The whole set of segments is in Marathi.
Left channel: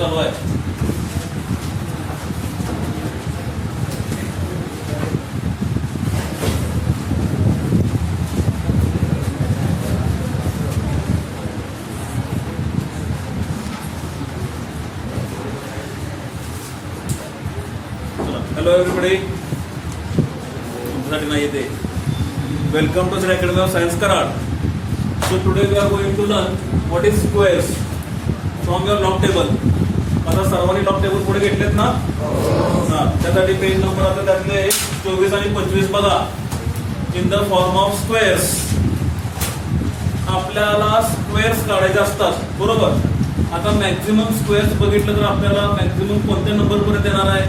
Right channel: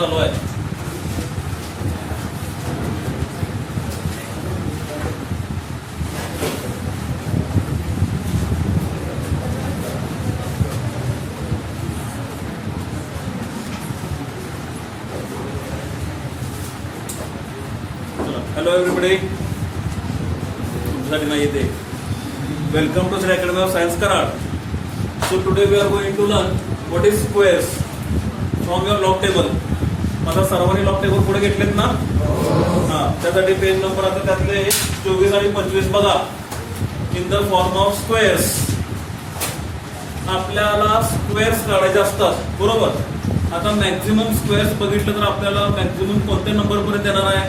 चालू आहे. हॅलो एव्हरीबडी, तुमच्यासाठी नाही येते. Welcome to Shri academy of science Karad. So today we are going to learn what is squares from your log table. आता सर्वांनी लॉग टेबल पुढे घेतलेत ना? हा, त्यासाठी पेज नंबर आता त्यातले 24 आणि 25 बघा. In the form of squares. आपल्याला स्क्वेअर्स काढायचे असतात, बरोबर. आता मॅक्झिमम स्क्वेअर्स बघितलं तर आपल्याला मॅक्झिमम कोणत्या नंबर पर्यंत येणार आहे?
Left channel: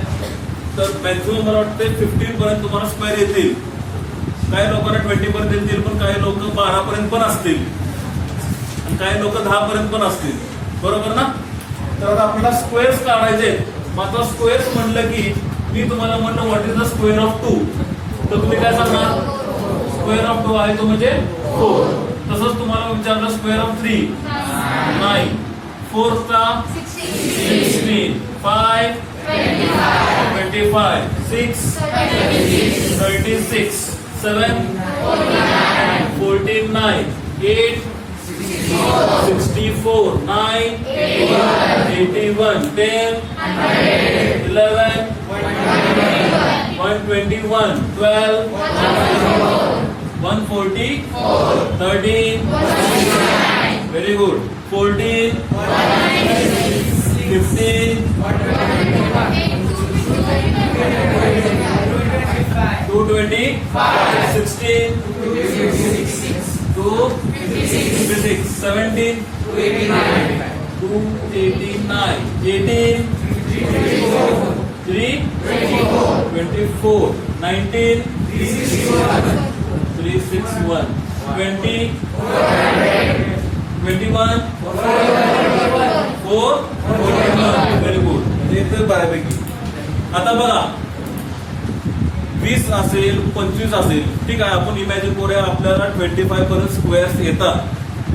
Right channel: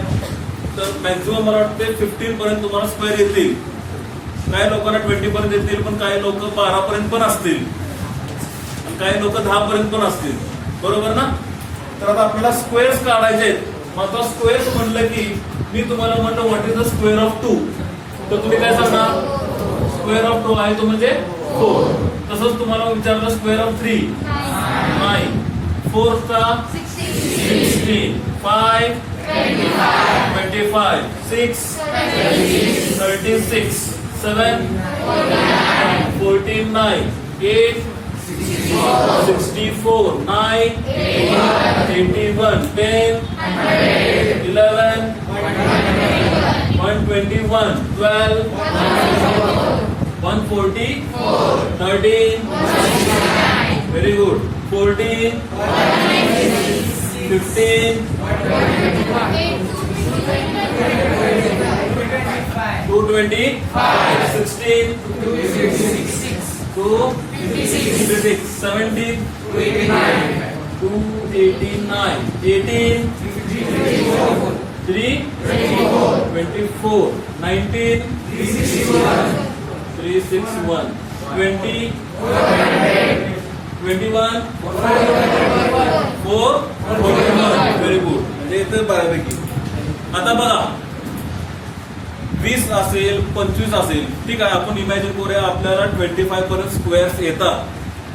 तर मॅक्झिमम मला वाटते 15 पर्यंत तुम्हाला स्क्वेअर येतील. काही लोकांना 20 पर्यंत येतील, पण काही लोक 12 पर्यंत पण असतील आणि काही लोक 10 पर्यंत पण असतील, बरोबर ना? तर आता आपल्याला स्क्वेअर्स काढायचे. मग आता स्क्वेअर्स म्हणलं की मी तुम्हाला म्हणलं what is the square of 2, तर तुम्ही काय सांगणार? स्क्वेअर ऑफ 2 आहे तो म्हणजे 4. तसंच तुम्हाला विचारलं स्क्वेअर ऑफ 3, 9, 4 चा 16, 5 25, 6 36, 7 14, 9, 8 64, 9 81, 10 11 121, 12 140, 13 very good, 14 15 225, 16 256, 17 289, 18 324, 19 361, 20 21 4 41. Very good. म्हणजे इथं बऱ्यापैकी. आता बघा 20 असेल, 25 असेल, ठीक आहे. आपण इमॅजिन करूया आपल्याला 25 पर्यंत स्क्वेअर्स येतात,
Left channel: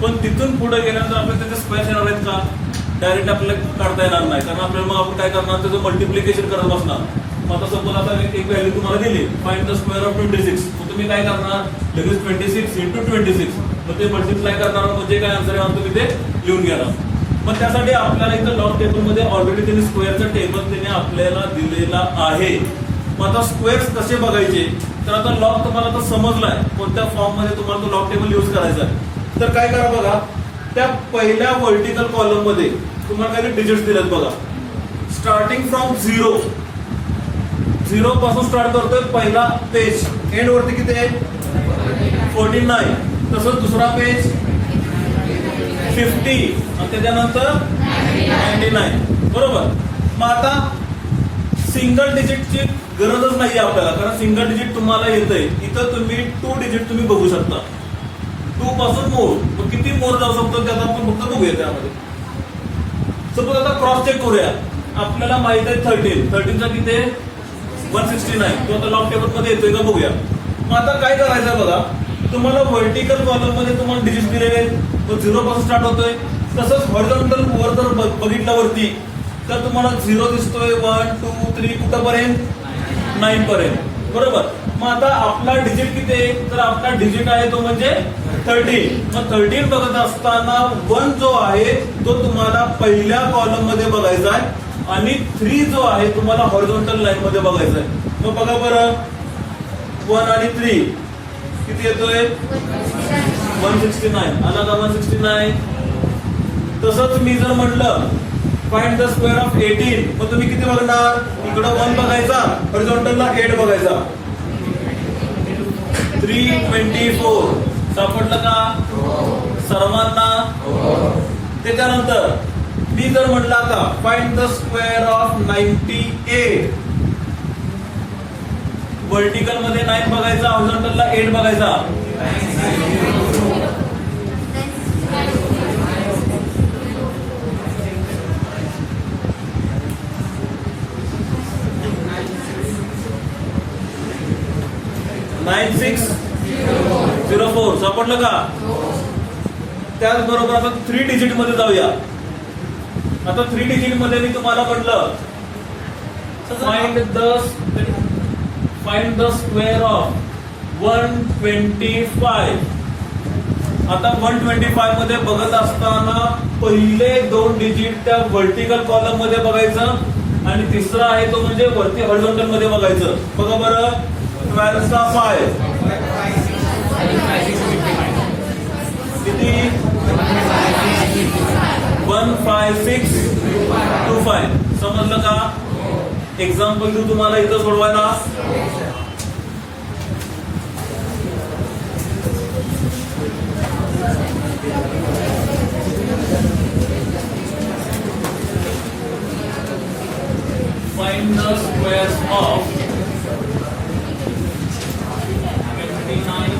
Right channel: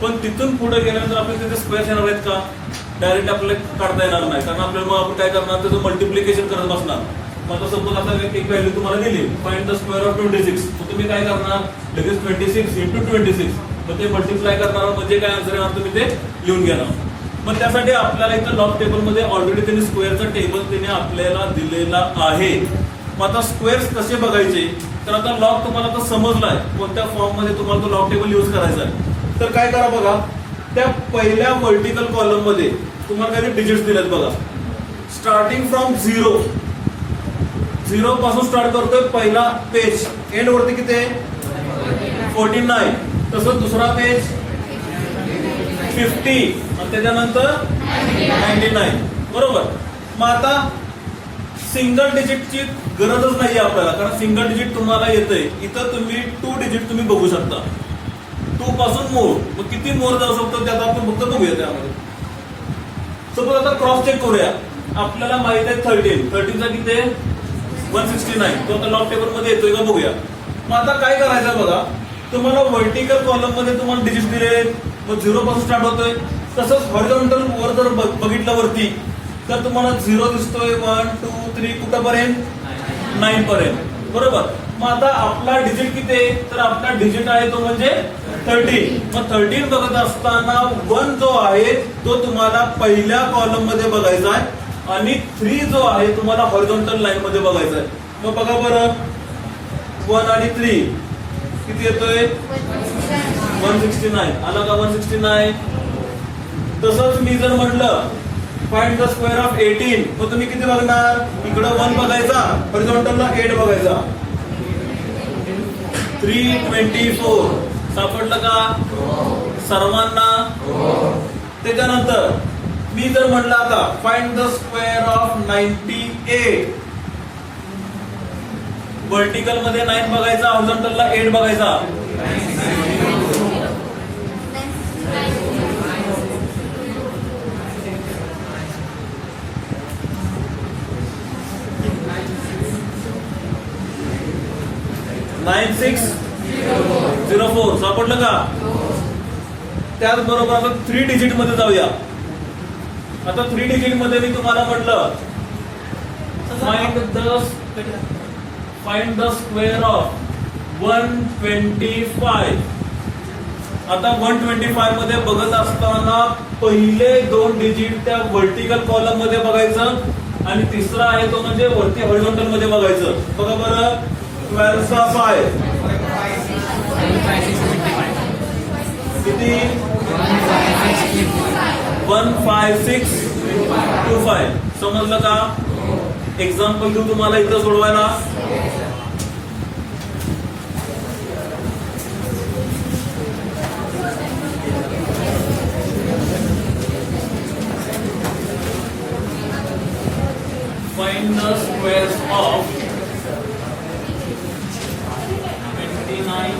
पण तिथून पुढे गेल्यानंतर आपल्याला त्याचे स्क्वेअर्स येणार आहेत का? डायरेक्ट आपल्याला काढता येणार नाही, कारण आपल्याला मग आपण काय करणार? त्याचं मल्टिप्लिकेशन करत बसणार. मग आता सपोज आता एक व्हॅल्यू तुम्हाला दिली, फाइंड द स्क्वेअर ऑफ 26. मग तुम्ही काय करणार? लगेच 26 इंटू 26, मग ते मल्टिप्लाय करणार, म्हणजे काय आन्सर येणार तुम्ही ते लिहून घेणार. मग त्यासाठी आपल्याला इथं लॉग टेबलमध्ये ऑलरेडी त्यांनी स्क्वेअरचा टेबल त्याने आपल्याला दिलेला आहे. मग आता स्क्वेअर्स कसे बघायचे? तर आता लॉग तुम्हाला आता समजलाय कोणत्या फॉर्म मध्ये तुम्हाला तो लॉग टेबल युज करायचा आहे. तर काय करा बघा, त्या पहिल्या व्हर्टिकल कॉलम मध्ये तुम्हाला काही डिजिट्स दिलेत बघा. स्टार्टिंग फ्रॉम 0 पासून स्टार्ट करतोय पहिला पेज, एंड वरती किती आहे? 49. तसंच दुसरा पेज 50 आणि त्याच्यानंतर 99, बरोबर. मग आता सिंगल डिजिटची गरजच नाही आपल्याला, कारण सिंगल डिजिट तुम्हाला येतंय. इथं तुम्ही 2 डिजिट तुम्ही बघू शकता, 2 पासून मोर. मग किती मोर जाऊ शकतो त्याचा आपण फक्त बघूया. त्यामध्ये सपोज आता क्रॉस चेक करूया. आपल्याला माहित आहे 13 चा किती आहे? 169. तो आता लॉग टेबल मध्ये येतोय का बघूया. मग आता काय करायचं बघा, तुम्हाला व्हर्टिकल कॉलम मध्ये तुम्हाला डिजिट दिले, मग 0 पासून स्टार्ट होतोय. तसंच हॉरिझॉन्टल वर जर बघितलं वरती तर तुम्हाला 0 दिसतोय, 1 2 3 कुठपर्यंत? 9 पर्यंत, बरोबर. मग आता आपला डिजिट किती आहे? तर आपला डिजिट आहे तो म्हणजे 13. मग 13 बघत असताना 1 जो आहे तो तुम्हाला पहिल्या कॉलम मध्ये बघायचा आहे आणि 3 जो आहे तुम्हाला हॉरिझॉन्टल लाईन मध्ये बघायचा आहे. मग बघा बरं, 1 आणि 3 किती येतोय? 169. आला का 169? तसंच मी जर म्हटलं फाइंड द स्क्वेअर ऑफ 18, मग तुम्ही किती बघणार? इकडं 1 बघायचा, हॉरिझॉन्टलला 8 बघायचा. 324 सापडलं का सर्वांना? त्याच्यानंतर मी जर म्हटलं आता find the square of 98, vertical मध्ये 9 बघायचा, हॉरिझॉन्टलला 8 बघायचा. 9604 सापडलं का? त्याचबरोबर आपण 3 डिजिट मध्ये जाऊया. आता 3 डिजिट मध्ये मी तुम्हाला म्हटलं फाइंड द स्क्वेअर ऑफ 125. आता 125 मध्ये बघत असताना पहिले 2 डिजिट त्या व्हर्टिकल कॉलम मध्ये बघायचं आणि तिसरा आहे तो म्हणजे वरती हॉरिझॉन्टल मध्ये बघायचं. बघा बरं, 12 चा 5 किती? 15625. समजलं का? एक्झाम्पल देऊ तुम्हाला इथं सोडवायला. Find the squares of 29,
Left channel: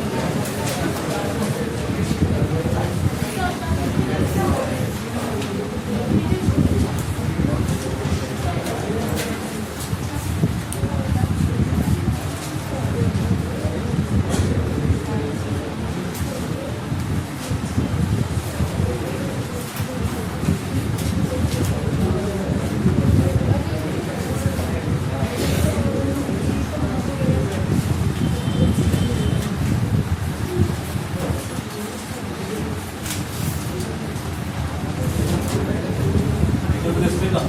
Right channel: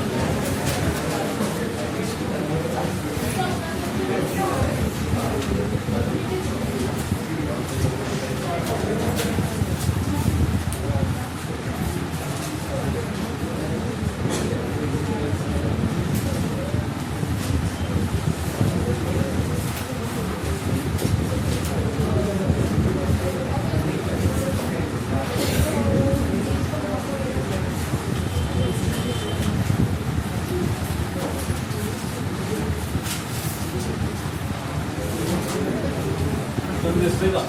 दिसते का?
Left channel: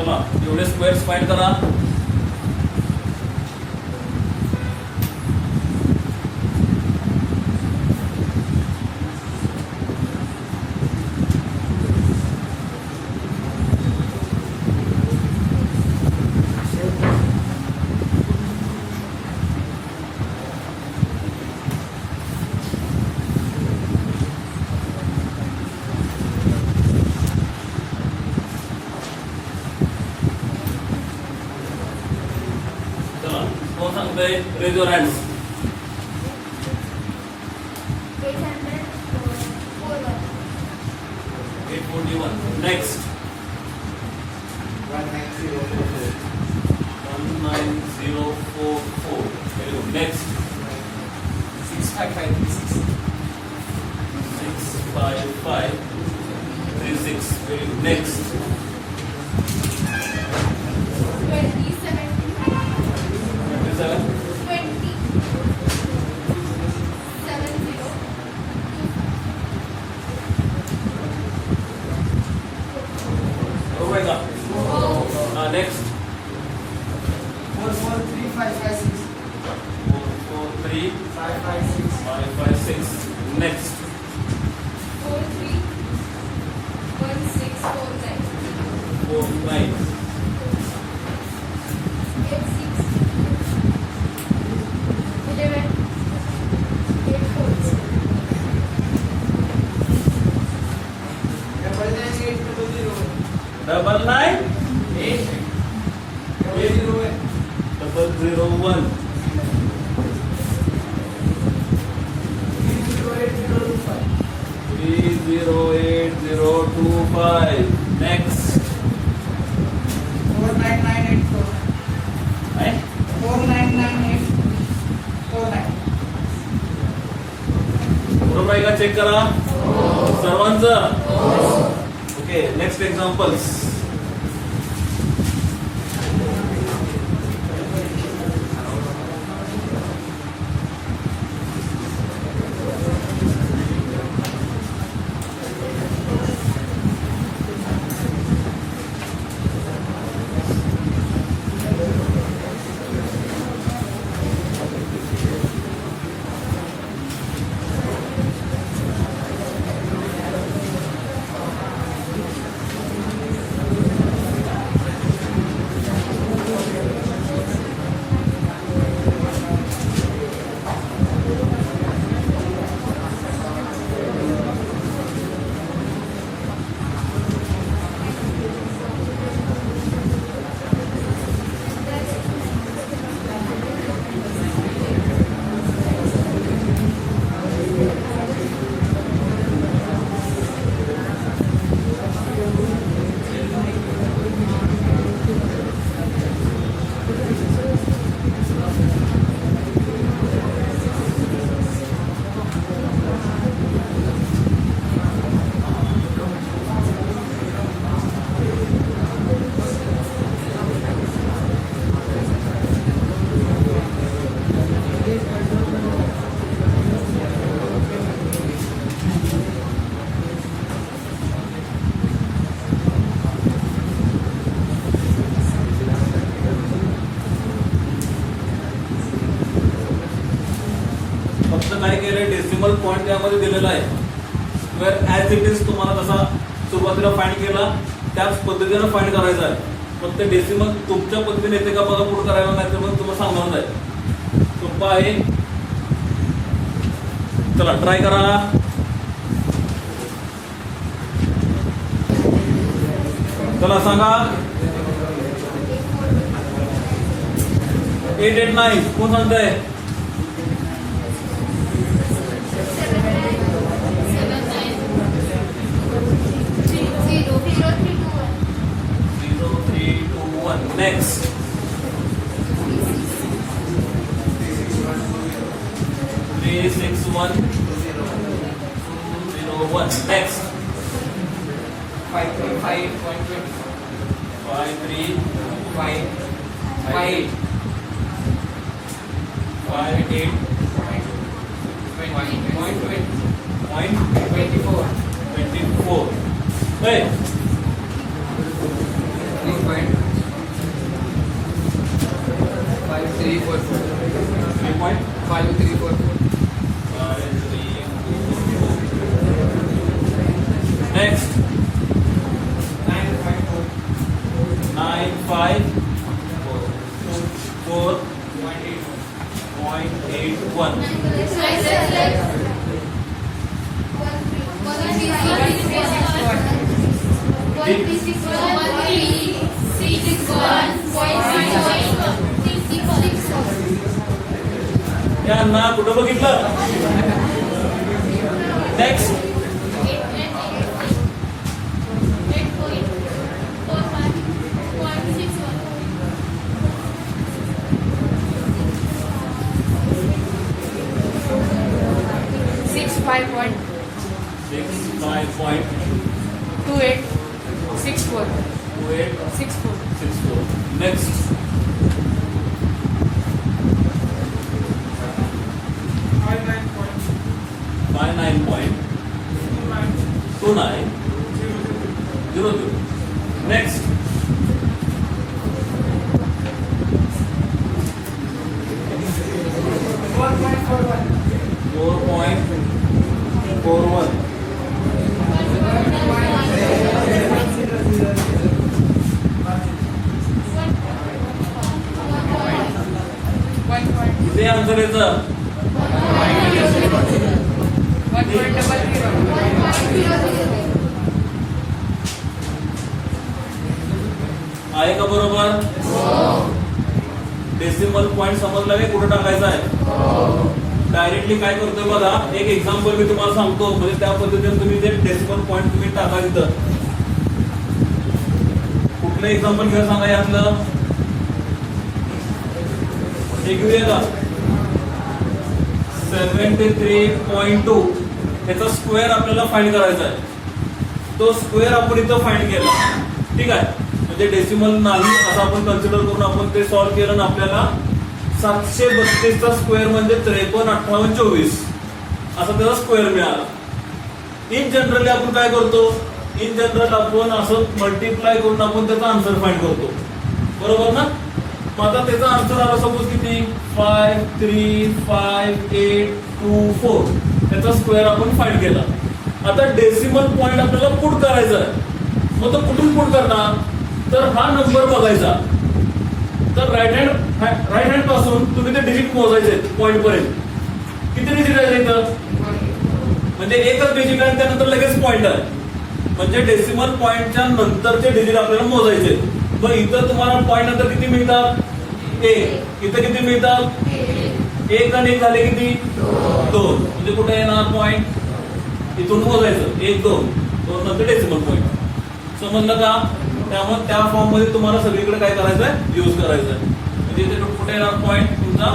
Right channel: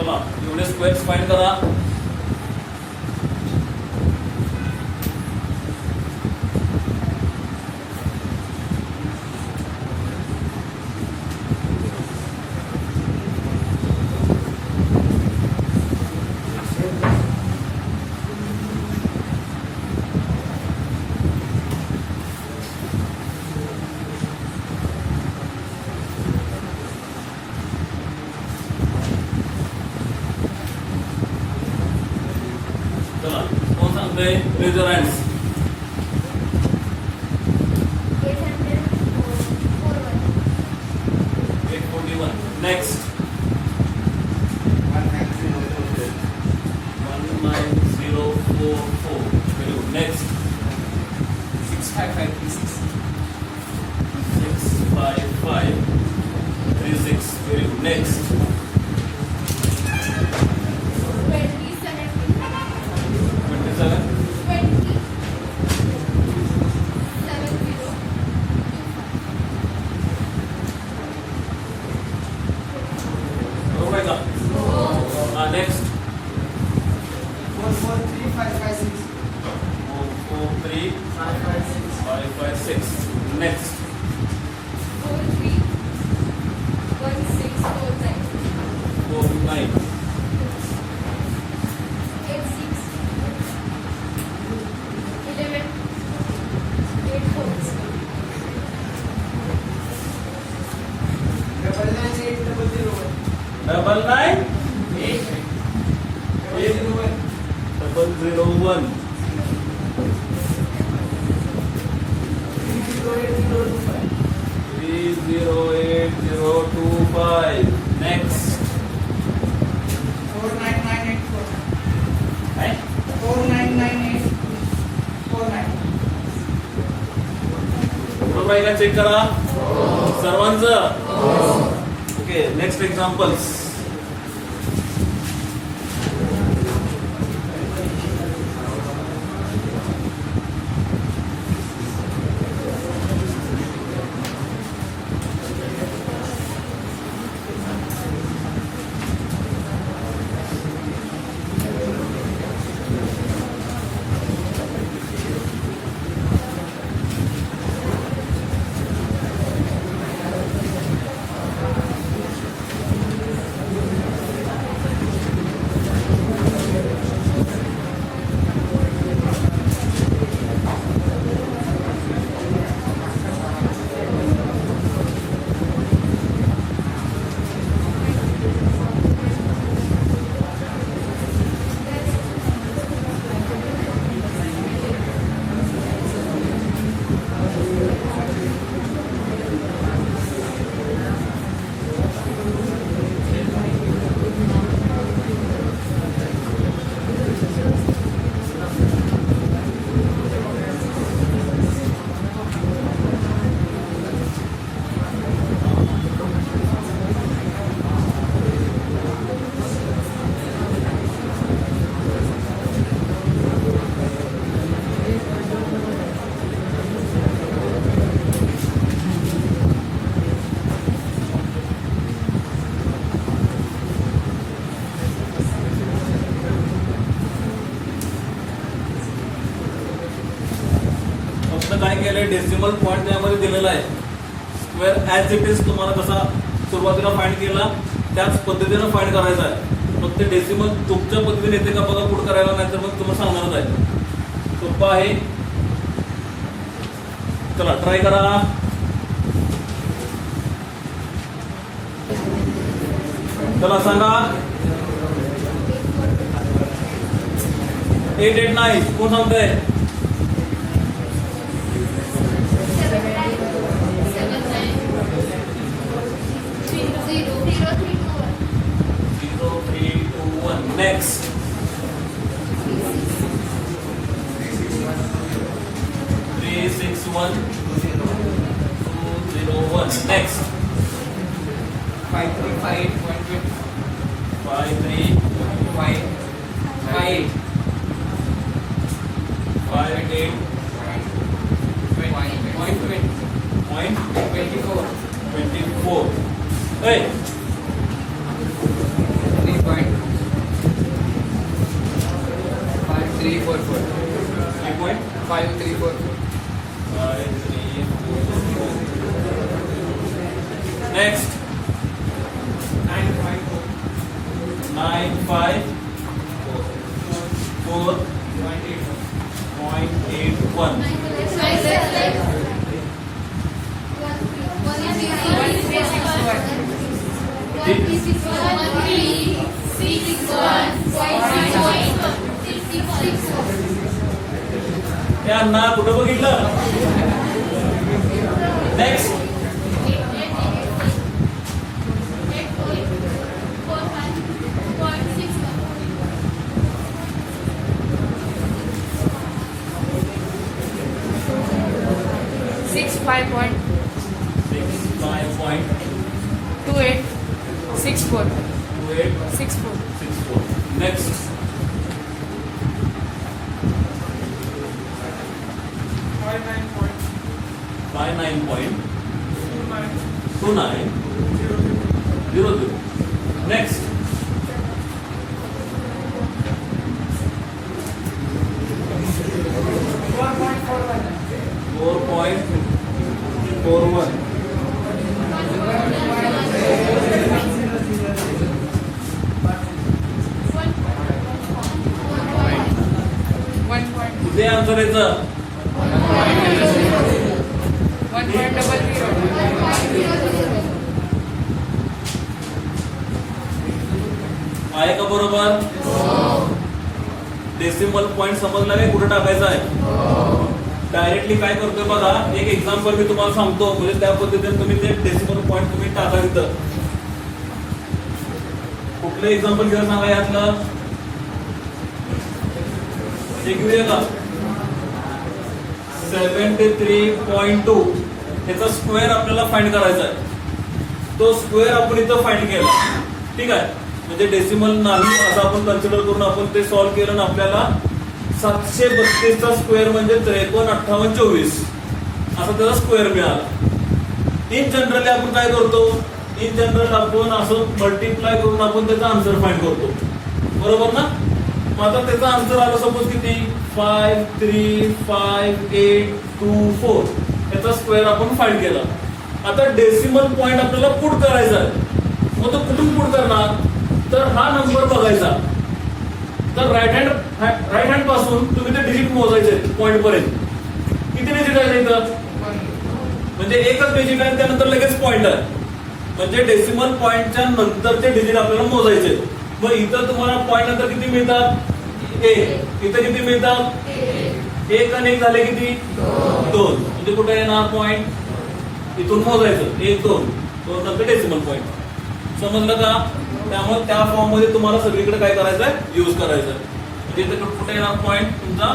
चला एवढे स्क्वेअर्स फाइंड करा. चला कोण सांगतोय? Raise your hands. 841. Next 19044. Very good. Next 65536. Very good. Next 27. बरोबर आहे का? नेक्स्ट 4435556. नेक्स्ट 49. 99801. 30825. Next 499849. बरोबर आहे का? चेक करा सर्वांचं. Okay, next examples. केलंय, डेसिमल पॉईंट त्यामध्ये दिलेला आहे. स्क्वेअर ऍज इट इज तुम्हाला कसा सुरुवातीला फाइंड केला त्याच पद्धतीनं फाइंड करायचा आहे. फक्त डेसिमल तुमच्या पद्धतीने येते का बघा पुढे करायला, नाही तर मग तुम्हाला सांगणार आहे. सोपं आहे, चला ट्राय करा. चला सांगा 889 कोण सांगताय? Next. 361 201. Next. 535.20. 5358 58 24. 24. Hey. 534. Next. 954.81. त्यांना कुठं बघितलं? नेक्स्ट. 65.2864. 2864. Next. 59.2900. Next. 4.41. किती आन्सर यायचं? 1.00. आहे का बरोबर? डेसिमल पॉइंट समजला की कुठे टाकायचा आहे? डायरेक्टली काय करतोय बघा, एक एक्झाम्पल मी तुम्हाला सांगतो, म्हणजे त्या पद्धतीने तुम्ही ते डेसिमल पॉइंट तुम्ही टाका इथं. कुठलं एक्झाम्पल घ्या सांगा यातलं? हे घेऊया का? 73.2 ह्याचा स्क्वेअर आपल्याला फाइंड करायचा आहे. तो स्क्वेअर आपण इथं फाइंड केला, ठीक आहे. म्हणजे डेसिमल नाही असं आपण कन्सिडर करून आपण ते सॉल्व्ह केलं आणि आपल्याला 732 चा स्क्वेअर म्हणजे 535824 असा त्याचा स्क्वेअर मिळाला. इन जनरली आपण काय करतो? इन जनरल आपण असं मल्टिप्लाय करून आपण त्याचा आन्सर फाइंड करतो, बरोबर ना? मग आता त्याचा आन्सर आला सपोज किती? 5352824. त्याचा स्क्वेअर आपण फाइंड केला. आता डेसिमल पॉइंट आपल्याला पुट करायचा आहे. मग तो कुठून पुट करणार? तर हा नंबर बघायचा. तर राईट हँड पासून तुम्ही ते डिजिट मोजायचे पॉइंट पर्यंत. किती डिजिट आहे इथं? म्हणजे एकच डिजिट आहे, त्यानंतर लगेच पॉइंट आहे. म्हणजे डेसिमल पॉइंटच्या नंतरचे डिजिट आपल्याला मोजायचे. मग इथं तुम्हाला पॉइंट नंतर किती मिळतात? 1. इथं किती मिळतात? 1 आणि 1 झाले किती? 2. म्हणजे कुठे येणार पॉइंट? इथून मोजायचं 1 2 2 नंतर डेसिमल पॉइंट. समजलं का? त्यामुळे त्या फॉर्म मध्ये तुम्हाला सगळीकडे काय करायचं आहे? यूज करायचं आहे. म्हणजे इथे कुठे येणार पॉइंट तुमचा?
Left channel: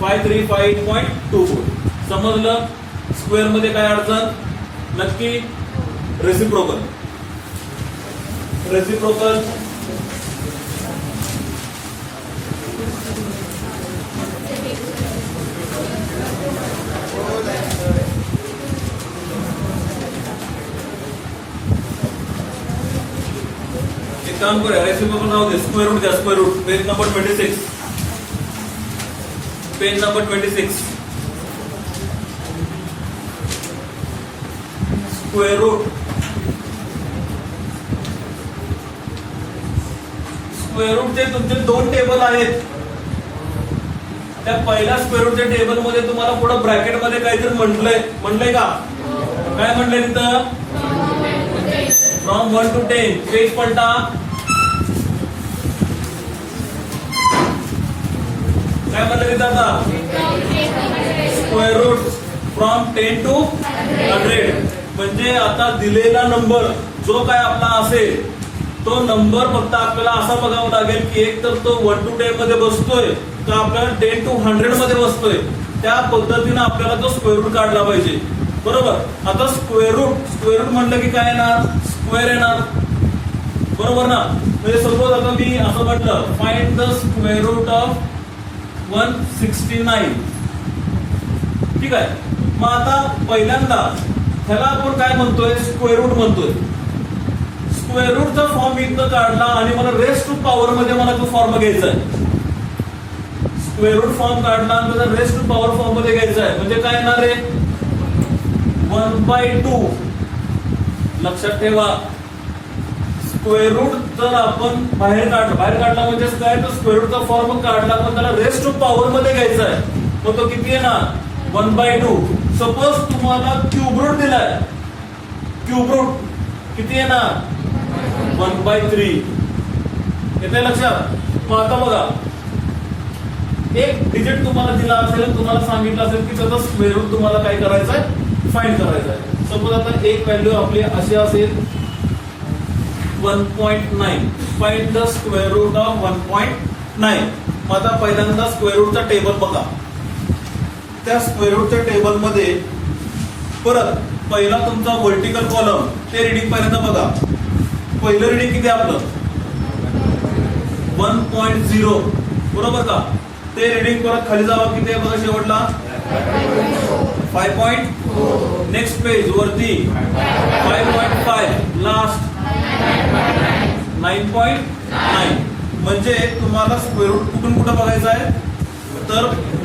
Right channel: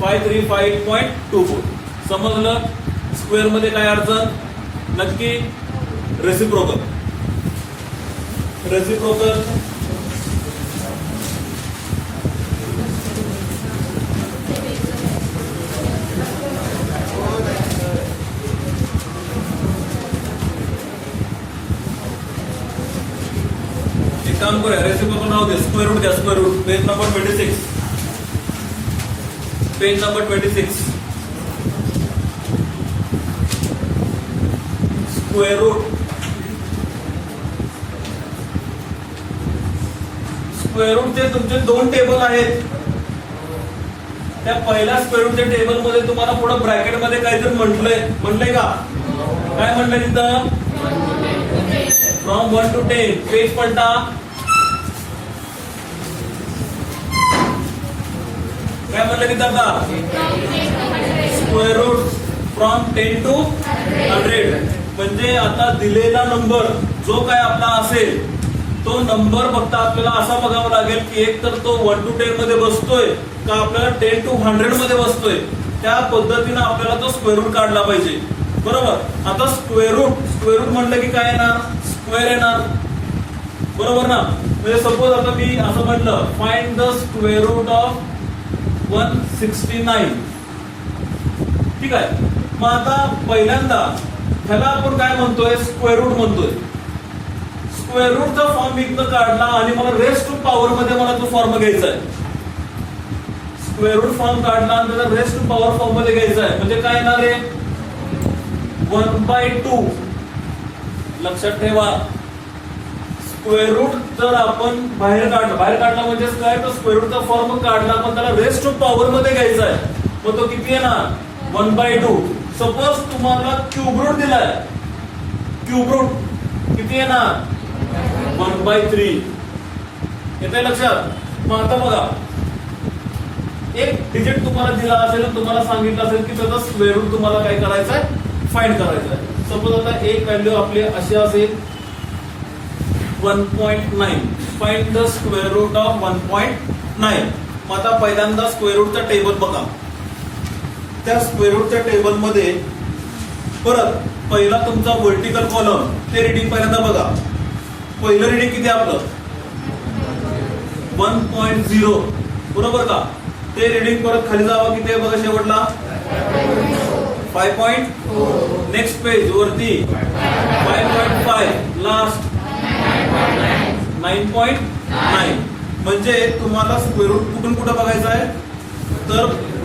535.24. समजलं? स्क्वेअर मध्ये काय अडचण? नक्की रेसिप्रोकल. रेसिप्रोकल काम करूया. रेसिप्रोकल नाव दे. स्क्वेअर रूट घ्या. Square root. Page number 26. Page number 26. Square root square रूटचे तुमचे दोन टेबल आहेत. त्या पहिल्या स्क्वेअर रूटच्या टेबल मध्ये तुम्हाला पुढे ब्रॅकेट मध्ये काहीतरी म्हटलंय का? काय म्हटलंय तिथं? From 1 to 10. पेज पलटा. काय म्हटलं तिथं आता? Square root from 10 to 100. म्हणजे आता दिलेला नंबर जो काय आपला असेल तो नंबर फक्त आपल्याला असा बघावा लागेल की एक तर तो 1 to 10 मध्ये बसतोय का आपल्याला 10 to 100 मध्ये बसतोय. त्या पद्धतीने आपल्याला तो स्क्वेअर रूट काढला पाहिजे. बरोबर. आता स्क्वेअर रूट म्हटलं की काय येणार? स्क्वेअर येणार. बरोबर ना. म्हणजे सपोज आता मी असं म्हटलं find the square root of 169. ठीक आहे. मग आता पहिल्यांदा ह्याला आपण काय म्हणतोय? स्क्वेअर रूट म्हणतोय. स्क्वेअर रूटचा फॉर्म इथं काढला आणि मला रेस्ट टू पॉवर मध्ये मला तो फॉर्म घ्यायचा आहे. स्क्वेअर रूट फॉर्म काढला आणि त्याचा रेस्ट टू पॉवर फॉर्म मध्ये घ्यायचा आहे. म्हणजे काय येणार आहे? 1/2. लक्षात ठेवा. स्क्वेअर रूट जर आपण बाहेर काढला म्हणजे काय? तो स्क्वेअर रूटचा फॉर्म काढला पण त्याला रेस्ट टू पॉवर मध्ये घ्यायचा आहे. मग तो किती येणार? 1/2. सपोज तुम्हाला क्यूब रूट दिलाय. क्यूब रूट किती येणार? 1/3. येते लक्षात. मग आता बघा एक डिजिट तुम्हाला दिला असेल तुम्हाला सांगितलं असेल की त्याचा स्क्वेअर रूट तुम्हाला काय करायचं आहे? फाइंड करायचं आहे. सपोज आता एक व्हॅल्यू आपली अशी असेल 1.9. Find the square root of 1.9. मग आता पहिल्यांदा स्क्वेअर रूटचा टेबल बघा. त्या स्क्वेअर रूटच्या टेबल मध्ये परत पहिला तुमचा व्हर्टिकल कॉलम ते रिडिंग पहिल्यांदा बघा. पहिलं रिडिंग किती आपलं? 1.0. बरोबर का? ते रिडिंग परत खाली जावा किती आहे बघा शेवटला? 5. नेक्स्ट पेज वरती 5.5. लास्ट 9.9. म्हणजे तुम्हाला स्क्वेअर रूट कुठून कुठं बघायचं आहे? तर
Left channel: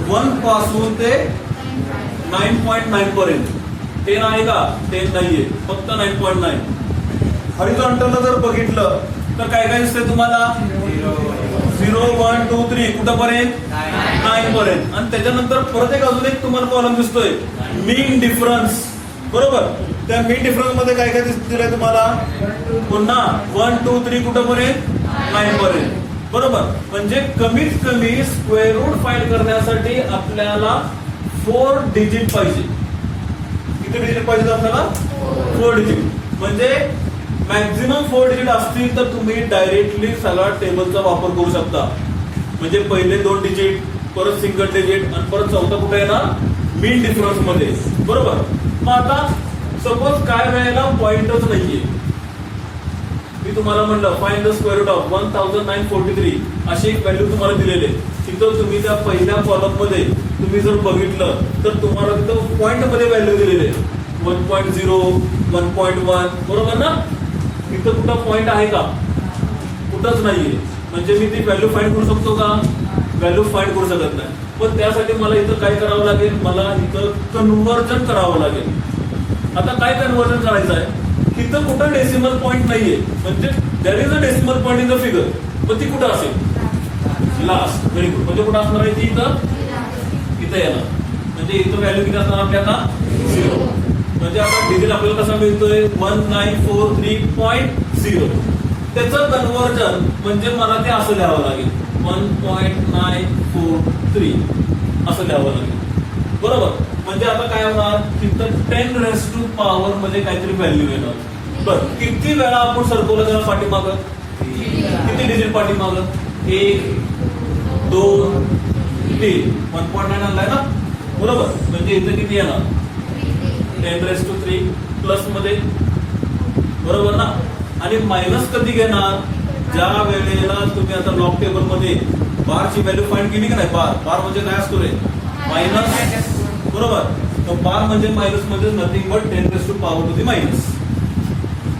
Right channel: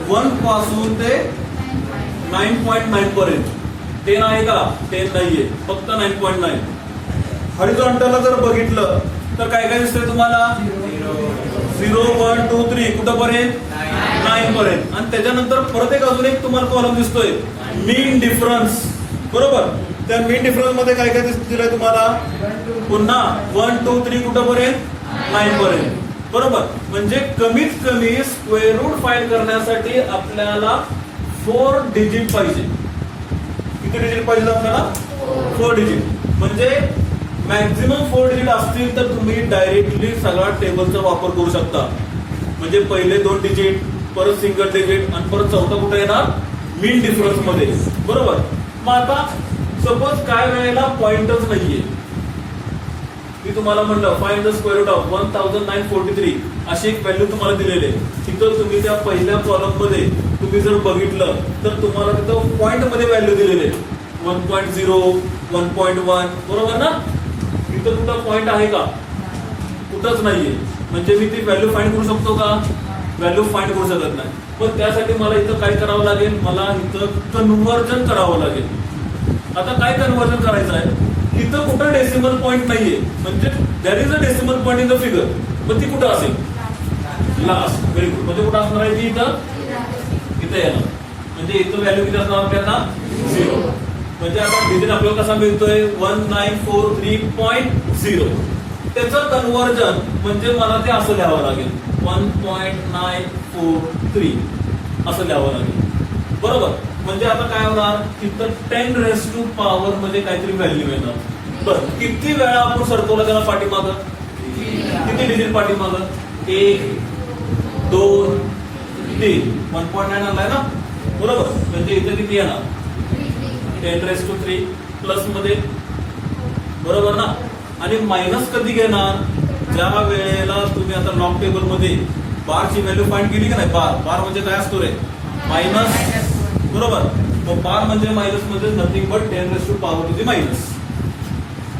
1 पासून ते 9.9 पर्यंत. 10 आहे का? 10 नाहीये. फक्त 9.9. हॉरिझॉन्टलला जर बघितलं तर काय काय दिसतंय तुम्हाला? 0, 1, 2, 3 कुठं पर्यंत? 9 पर्यंत. आणि त्याच्यानंतर परत एक अजून एक तुम्हाला कॉलम दिसतोय मीन डिफरन्स. बरोबर. त्या मीन डिफरन्स मध्ये काय काय दिलंय तुम्हाला? पुन्हा 1, 2, 3 कुठं पर्यंत? 9 पर्यंत. बरोबर. म्हणजे कमीत कमी स्क्वेअर रूट फाइंड करण्यासाठी आपल्याला 4 डिजिट पाहिजे. किती डिजिट पाहिजे आपल्याला? 4 डिजिट. म्हणजे मॅक्झिमम 4 डिजिट असतील तर तुम्ही डायरेक्टली सगळा टेबलचा वापर करू शकता. म्हणजे पहिले 2 डिजिट परत सिंगल डिजिट आणि परत चौथा कुठे येणार? मीन डिफरन्स मध्ये. बरोबर. मग आता सपोज काय वेळेला पॉइंटच नाहीये. मी तुम्हाला म्हणलं find the square root of 1943 अशी एक व्हॅल्यू तुम्हाला दिलेली आहे. तिथं तुम्ही त्या पहिल्या कॉलम मध्ये तुम्ही जर बघितलं तर तुम्हाला तिथं पॉइंट मध्ये व्हॅल्यू दिलेली आहे. 1.0, 1.1. बरोबर ना? तिथं कुठं पॉइंट आहे का? कुठंच नाहीये. म्हणजे मी ती व्हॅल्यू फाइंड करू शकतो का? व्हॅल्यू फाइंड करू शकत नाही. पण त्यासाठी मला इथं काय करावं लागेल? मला इथं कन्व्हर्जन करावं लागेल. आता काय कन्व्हर्जन करायचं आहे? इथं कुठं डेसिमल पॉईंट नाहीये. म्हणजे that is a decimal point in the figure. पण ती कुठं असेल? लास्ट. Very good. म्हणजे कुठं असणार आहे ती? इथं येणार. म्हणजे इथं व्हॅल्यू किती असणार आपल्याला? 0. म्हणजे आता डिजिट आपल्याला कसा मिळतोय? 1943.0. त्याचं कन्व्हर्जन म्हणजे मला ते असं लिहावं लागेल 1.943 असं लिहावं लागेल. बरोबर. म्हणजे आता काय होणार? तिथं 10 रेस टू पॉवर म्हणजे काहीतरी व्हॅल्यू येणार. बरं. किती वेळा आपण सरकवलं त्याला पाठीमागं? किती डिजिट पाठीमागं? 1, 2, 3. 1.9 आणलाय ना? बरोबर. म्हणजे इथं किती येणार? 10 रेस टू 3 प्लस मध्ये. बरोबर ना? आणि मायनस कधी घेणार? ज्या वेळेला तुम्ही आता लॉग टेबल मध्ये बारची व्हॅल्यू फाइंड केली का नाही? बार म्हणजे काय असतो रे? मायनस. बरोबर. मग बार म्हणजे मायनस म्हणजे nothing but 10 raise to power to the minus.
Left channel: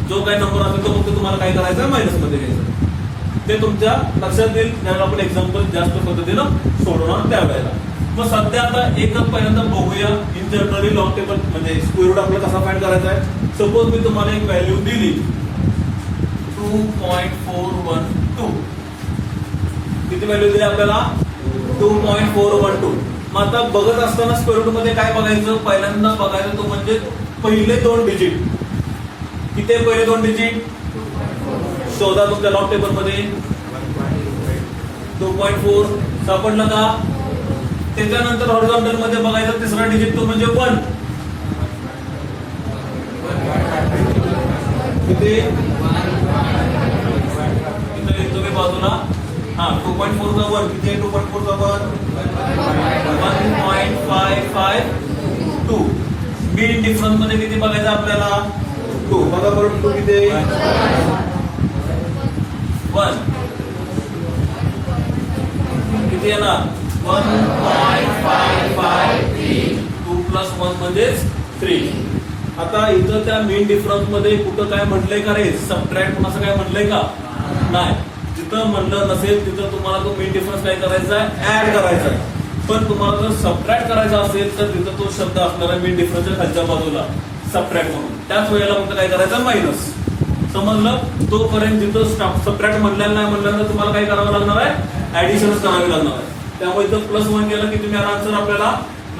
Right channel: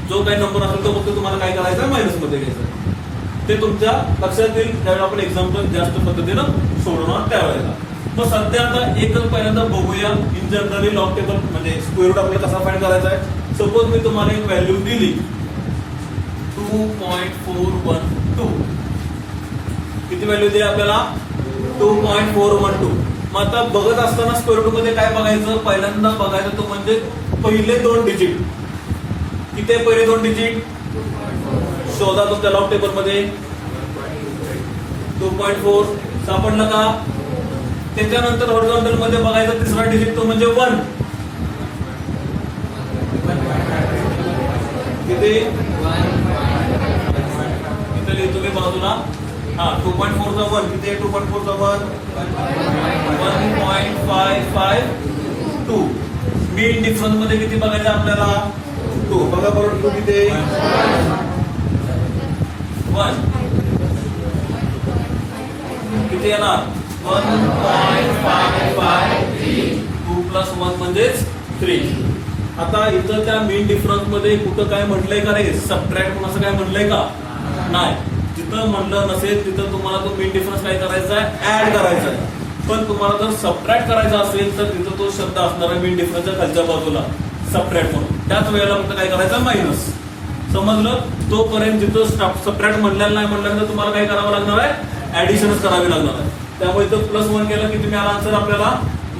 जो काही नंबर असेल तो फक्त तुम्हाला काय करायचं? मायनस मध्ये घ्यायचं. ते तुमच्या लक्षात येईल ज्यावेळेला आपण एक्झाम्पल जास्त पद्धतीनं सोडवणार त्यावेळेला. मग सध्या आता एकच पहिल्यांदा बघूया इन जनरली लॉग टेबल म्हणजे स्क्वेअर रूट आपल्याला कसा फाइंड करायचा आहे. सपोज मी तुम्हाला एक व्हॅल्यू दिली 2.412. किती व्हॅल्यू दिली आपल्याला? 2.412. मग आता बघत असताना स्क्वेअर रूट मध्ये काय बघायचं? पहिल्यांदा बघायचं तो म्हणजे पहिले 2 डिजिट. किती आहे पहिले 2 डिजिट? शोधा तुमच्या लॉग टेबल मध्ये. 2.4 सापडलं का? त्याच्यानंतर हॉरिझॉन्टल मध्ये बघायचं तिसरा डिजिट तो म्हणजे 1. किती? तुम्ही बाजूला 2.4 चा 1 किती आहे? 2.4 चा 1 1.552. मीन डिफरन्स मध्ये किती बघायचं आपल्याला? 2. बघा बरोबर 2 किती आहे? 1. किती येणार? 1.553. 2 + 1 म्हणजेच 3. आता इथं त्या मीन डिफरन्स मध्ये कुठं काय म्हटलंय का रे? सबट्रॅक्ट पण असं काय म्हटलंय का? नाही. जिथं म्हटलं नसेल तिथं तुम्हाला तो मीन डिफरन्स काय करायचा आहे? ऍड करायचा आहे. पण तुम्हाला जर सबट्रॅक्ट करायचा असेल तर तिथं तो शब्द असणार आहे मीन डिफरन्सच्या खालच्या बाजूला सबट्रॅक्ट म्हणून. त्याच वेळेला फक्त काय करायचं? मायनस. समजलं? तोपर्यंत जिथं सबट्रॅक्ट म्हणलेलं नाही म्हणल्यानंतर तुम्हाला काय करावं लागणार आहे? ऍडिशनच करावी लागणार आहे. त्यामुळे इथं +1 केलं की तुम्ही आन्सर आपल्याला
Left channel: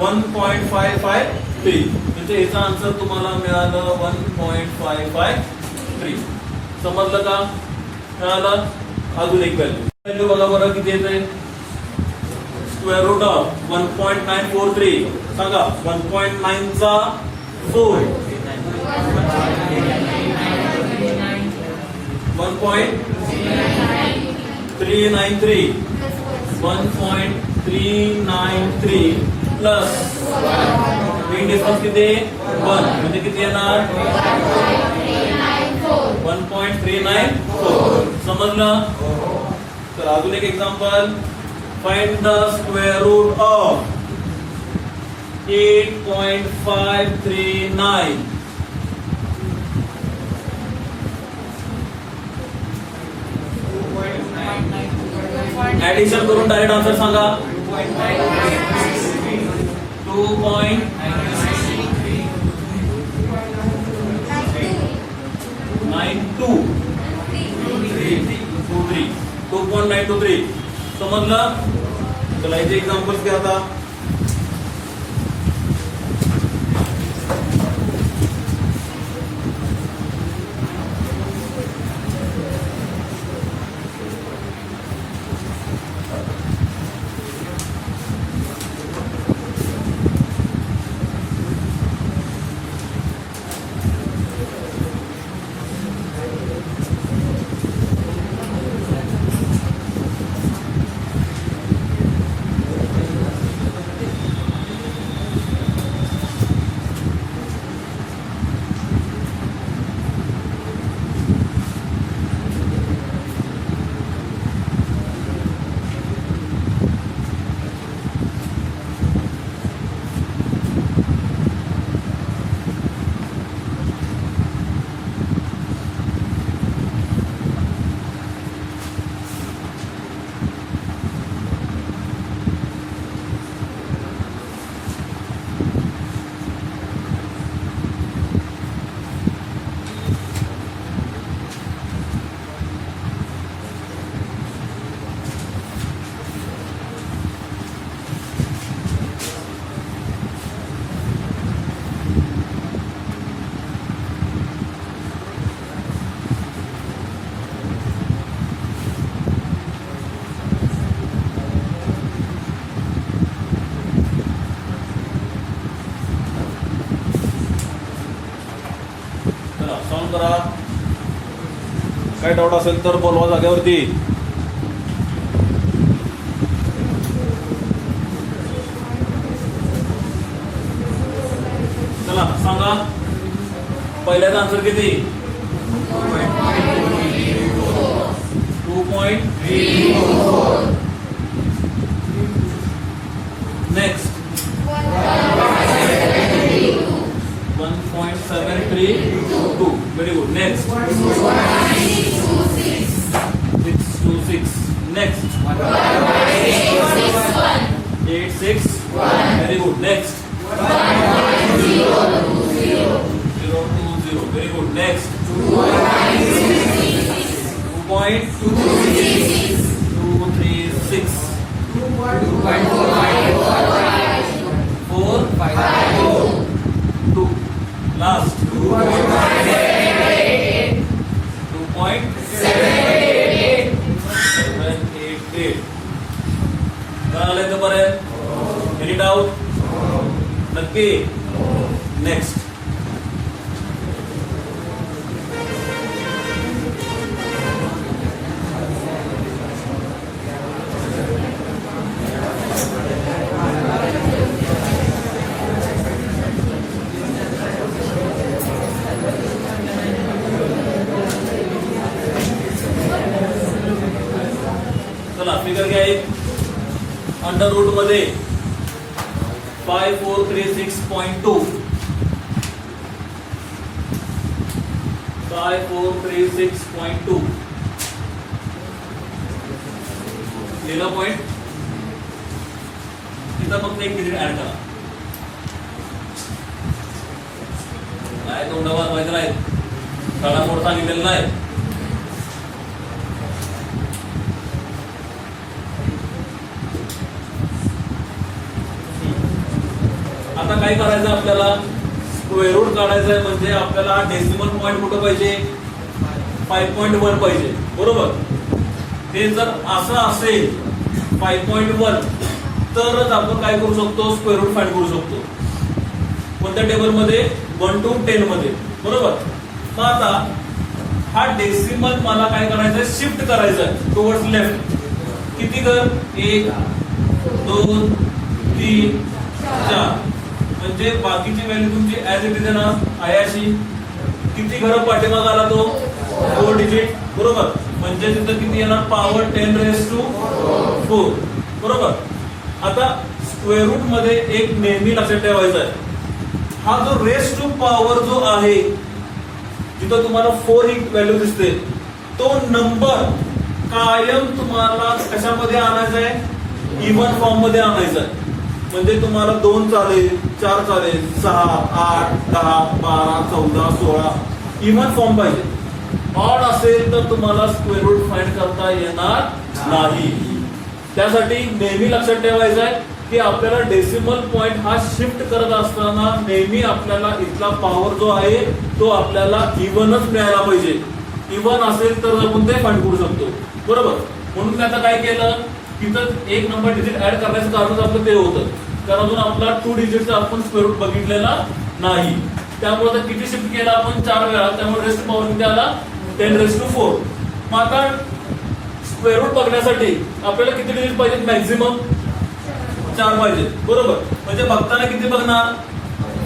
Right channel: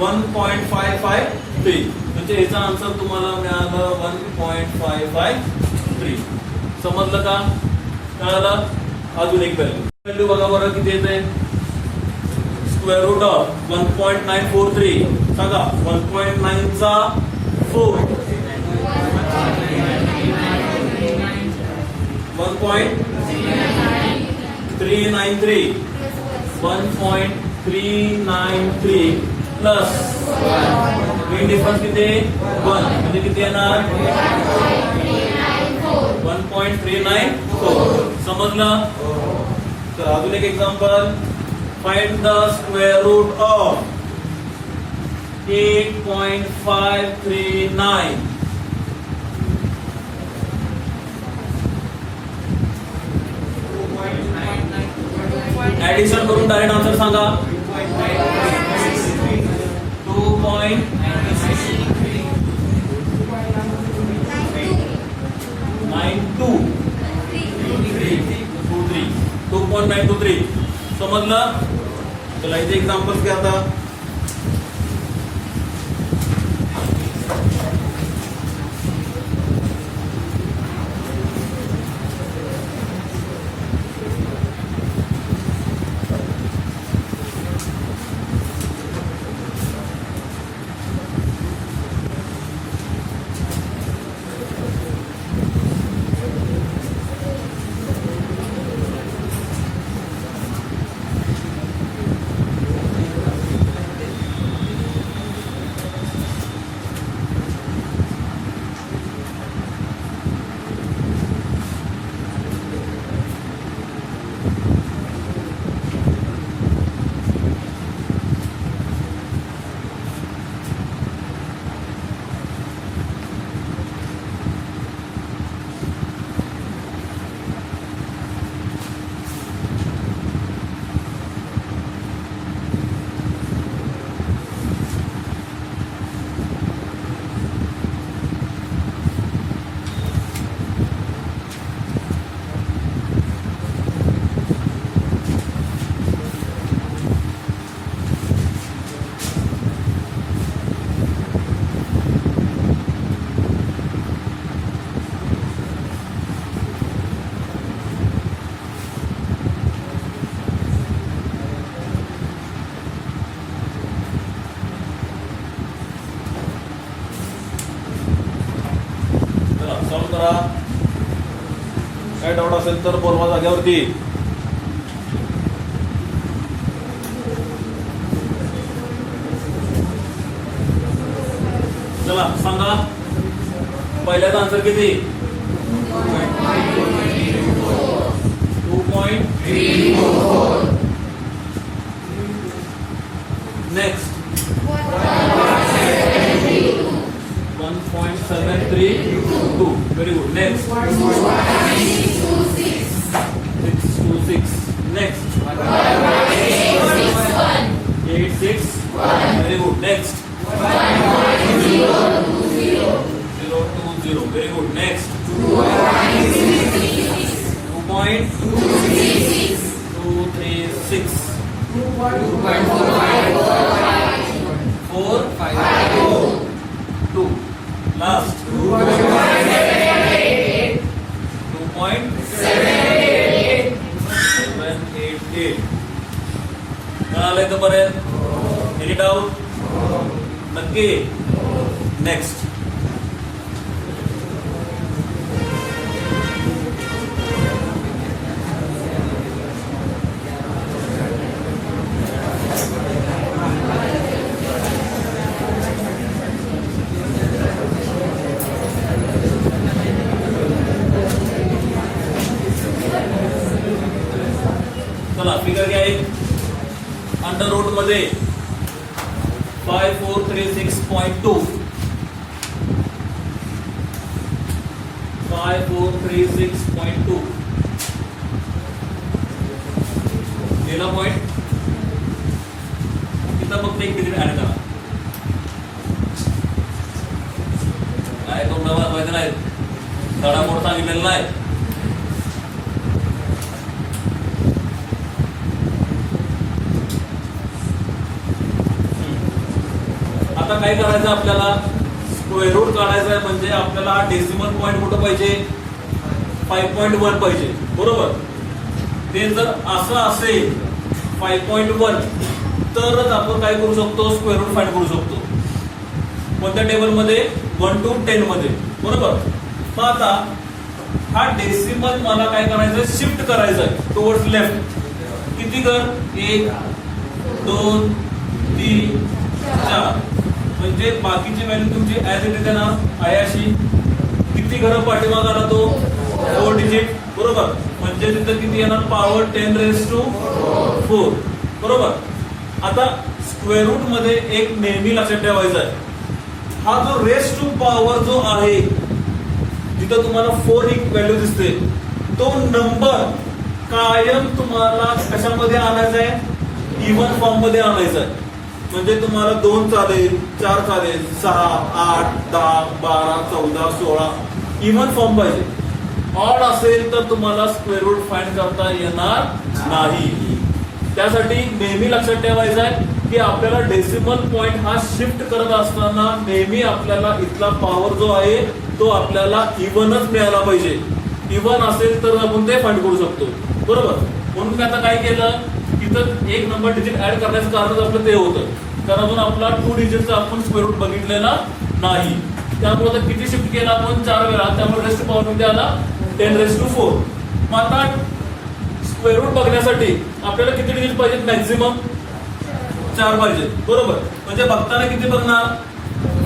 1.553. म्हणजे याचा आन्सर तुम्हाला मिळालं 1.553. समजलं का? कळालं? अजून एक व्हॅल्यू बघा बरं किती येते? Square root of 1.943. सांगा 1.9 चा 4. 1.393. 1.393 प्लस मीन डिफरन्स किती? 1 म्हणजे किती येणार? 1.394. समजलं? तर अजून एक example. Find the square root of 8.539. Addition करून डायरेक्ट आन्सर सांगा. 2.923. समजलं? चला इथे एक्झाम्पल्स घ्या आता. सॉल्व करा. काय डाऊट असेल तर बोलवा जागेवरती. चला सांगा. पहिल्याचा आन्सर किती? 2.344. Next 1.732. Very good. Next 626. Next 861. Very good. Next 020. 0. Very good. Next. 2.236. 4, 2. Last. 2.788. कळालंय का पर्यंत? Any doubt? नक्की. नेक्स्ट. चला फिगर घ्या एक. अंडर रूट मध्ये 5436.2 5436.2 लिहिला पॉइंट. तिथं फक्त एक डिजिट ऍड करा. काय तोंड वाजवायचं नाही, धडा मोड सांगितलेला नाही. आता काय करायचं आपल्याला? स्क्वेअर रूट काढायचं आहे. म्हणजे आपल्याला हा डेसिमल पॉईंट कुठं पाहिजे? 5.1 पाहिजे. बरोबर. हे जर असं असेल 5.1 तरच आपण काय करू शकतो? स्क्वेअर रूट फाइंड करू शकतो. कोणत्या टेबलमध्ये? 1 to 10 मध्ये. बरोबर. मग आता हा डेसिमल मला काय करायचं आहे? शिफ्ट करायचं आहे टुवर्ड्स लेफ्ट. किती कर? 1 2 3 4. म्हणजे बाकीची व्हॅल्यू तुमची ऍज इट इज ना आहे अशी. किती घरं पाठीमाग आला तो? 4 डिजिट. बरोबर. म्हणजे तिथं किती येणार? पॉवर 10⁻⁴. बरोबर. आता स्क्वेअर रूट मध्ये एक नेहमी लक्षात ठेवायचा आहे, हा जो रेस टू पॉवर जो आहे, जिथं तुम्हाला 4 ही व्हॅल्यू दिसते, तो नंबर कायम तुम्हाला कशामध्ये आणायचा आहे? इव्हन फॉर्म मध्ये आणायचा आहे. म्हणजे तुम्हाला 2 चालेल, 4 चालेल, 6 8 10 12 14 16 इव्हन फॉर्म पाहिजे. ऑड असेल तर तुम्हाला स्क्वेअर रूट फाइंड करता येणार नाही. त्यासाठी नेहमी लक्षात ठेवायचं आहे की आपल्याला डेसिमल पॉइंट हा शिफ्ट करत असताना नेहमी आपल्याला इथला पॉवर जो आहे तो आपल्याला इव्हनच मिळायला पाहिजे. इव्हन असेल तर आपण ते फाइंड करू शकतो. बरोबर. म्हणून मी आता काय केलं? तिथं एक नंबर डिजिट ऍड करण्याचं कारण आपलं ते होतं, कारण अजून आपला 2 डिजिटचा आपण स्क्वेअर रूट बघितलेला नाही. त्यामुळे किती शिफ्ट केला आपण? 4 वेळा. त्यामुळे रेस्ट पॉवर किती आला? 10⁻⁴. मग आता स्क्वेअर रूट बघण्यासाठी आपल्याला किती डिजिट पाहिजेत? मॅक्झिमम 4 पाहिजे. बरोबर. म्हणजे बघताना किती बघणार?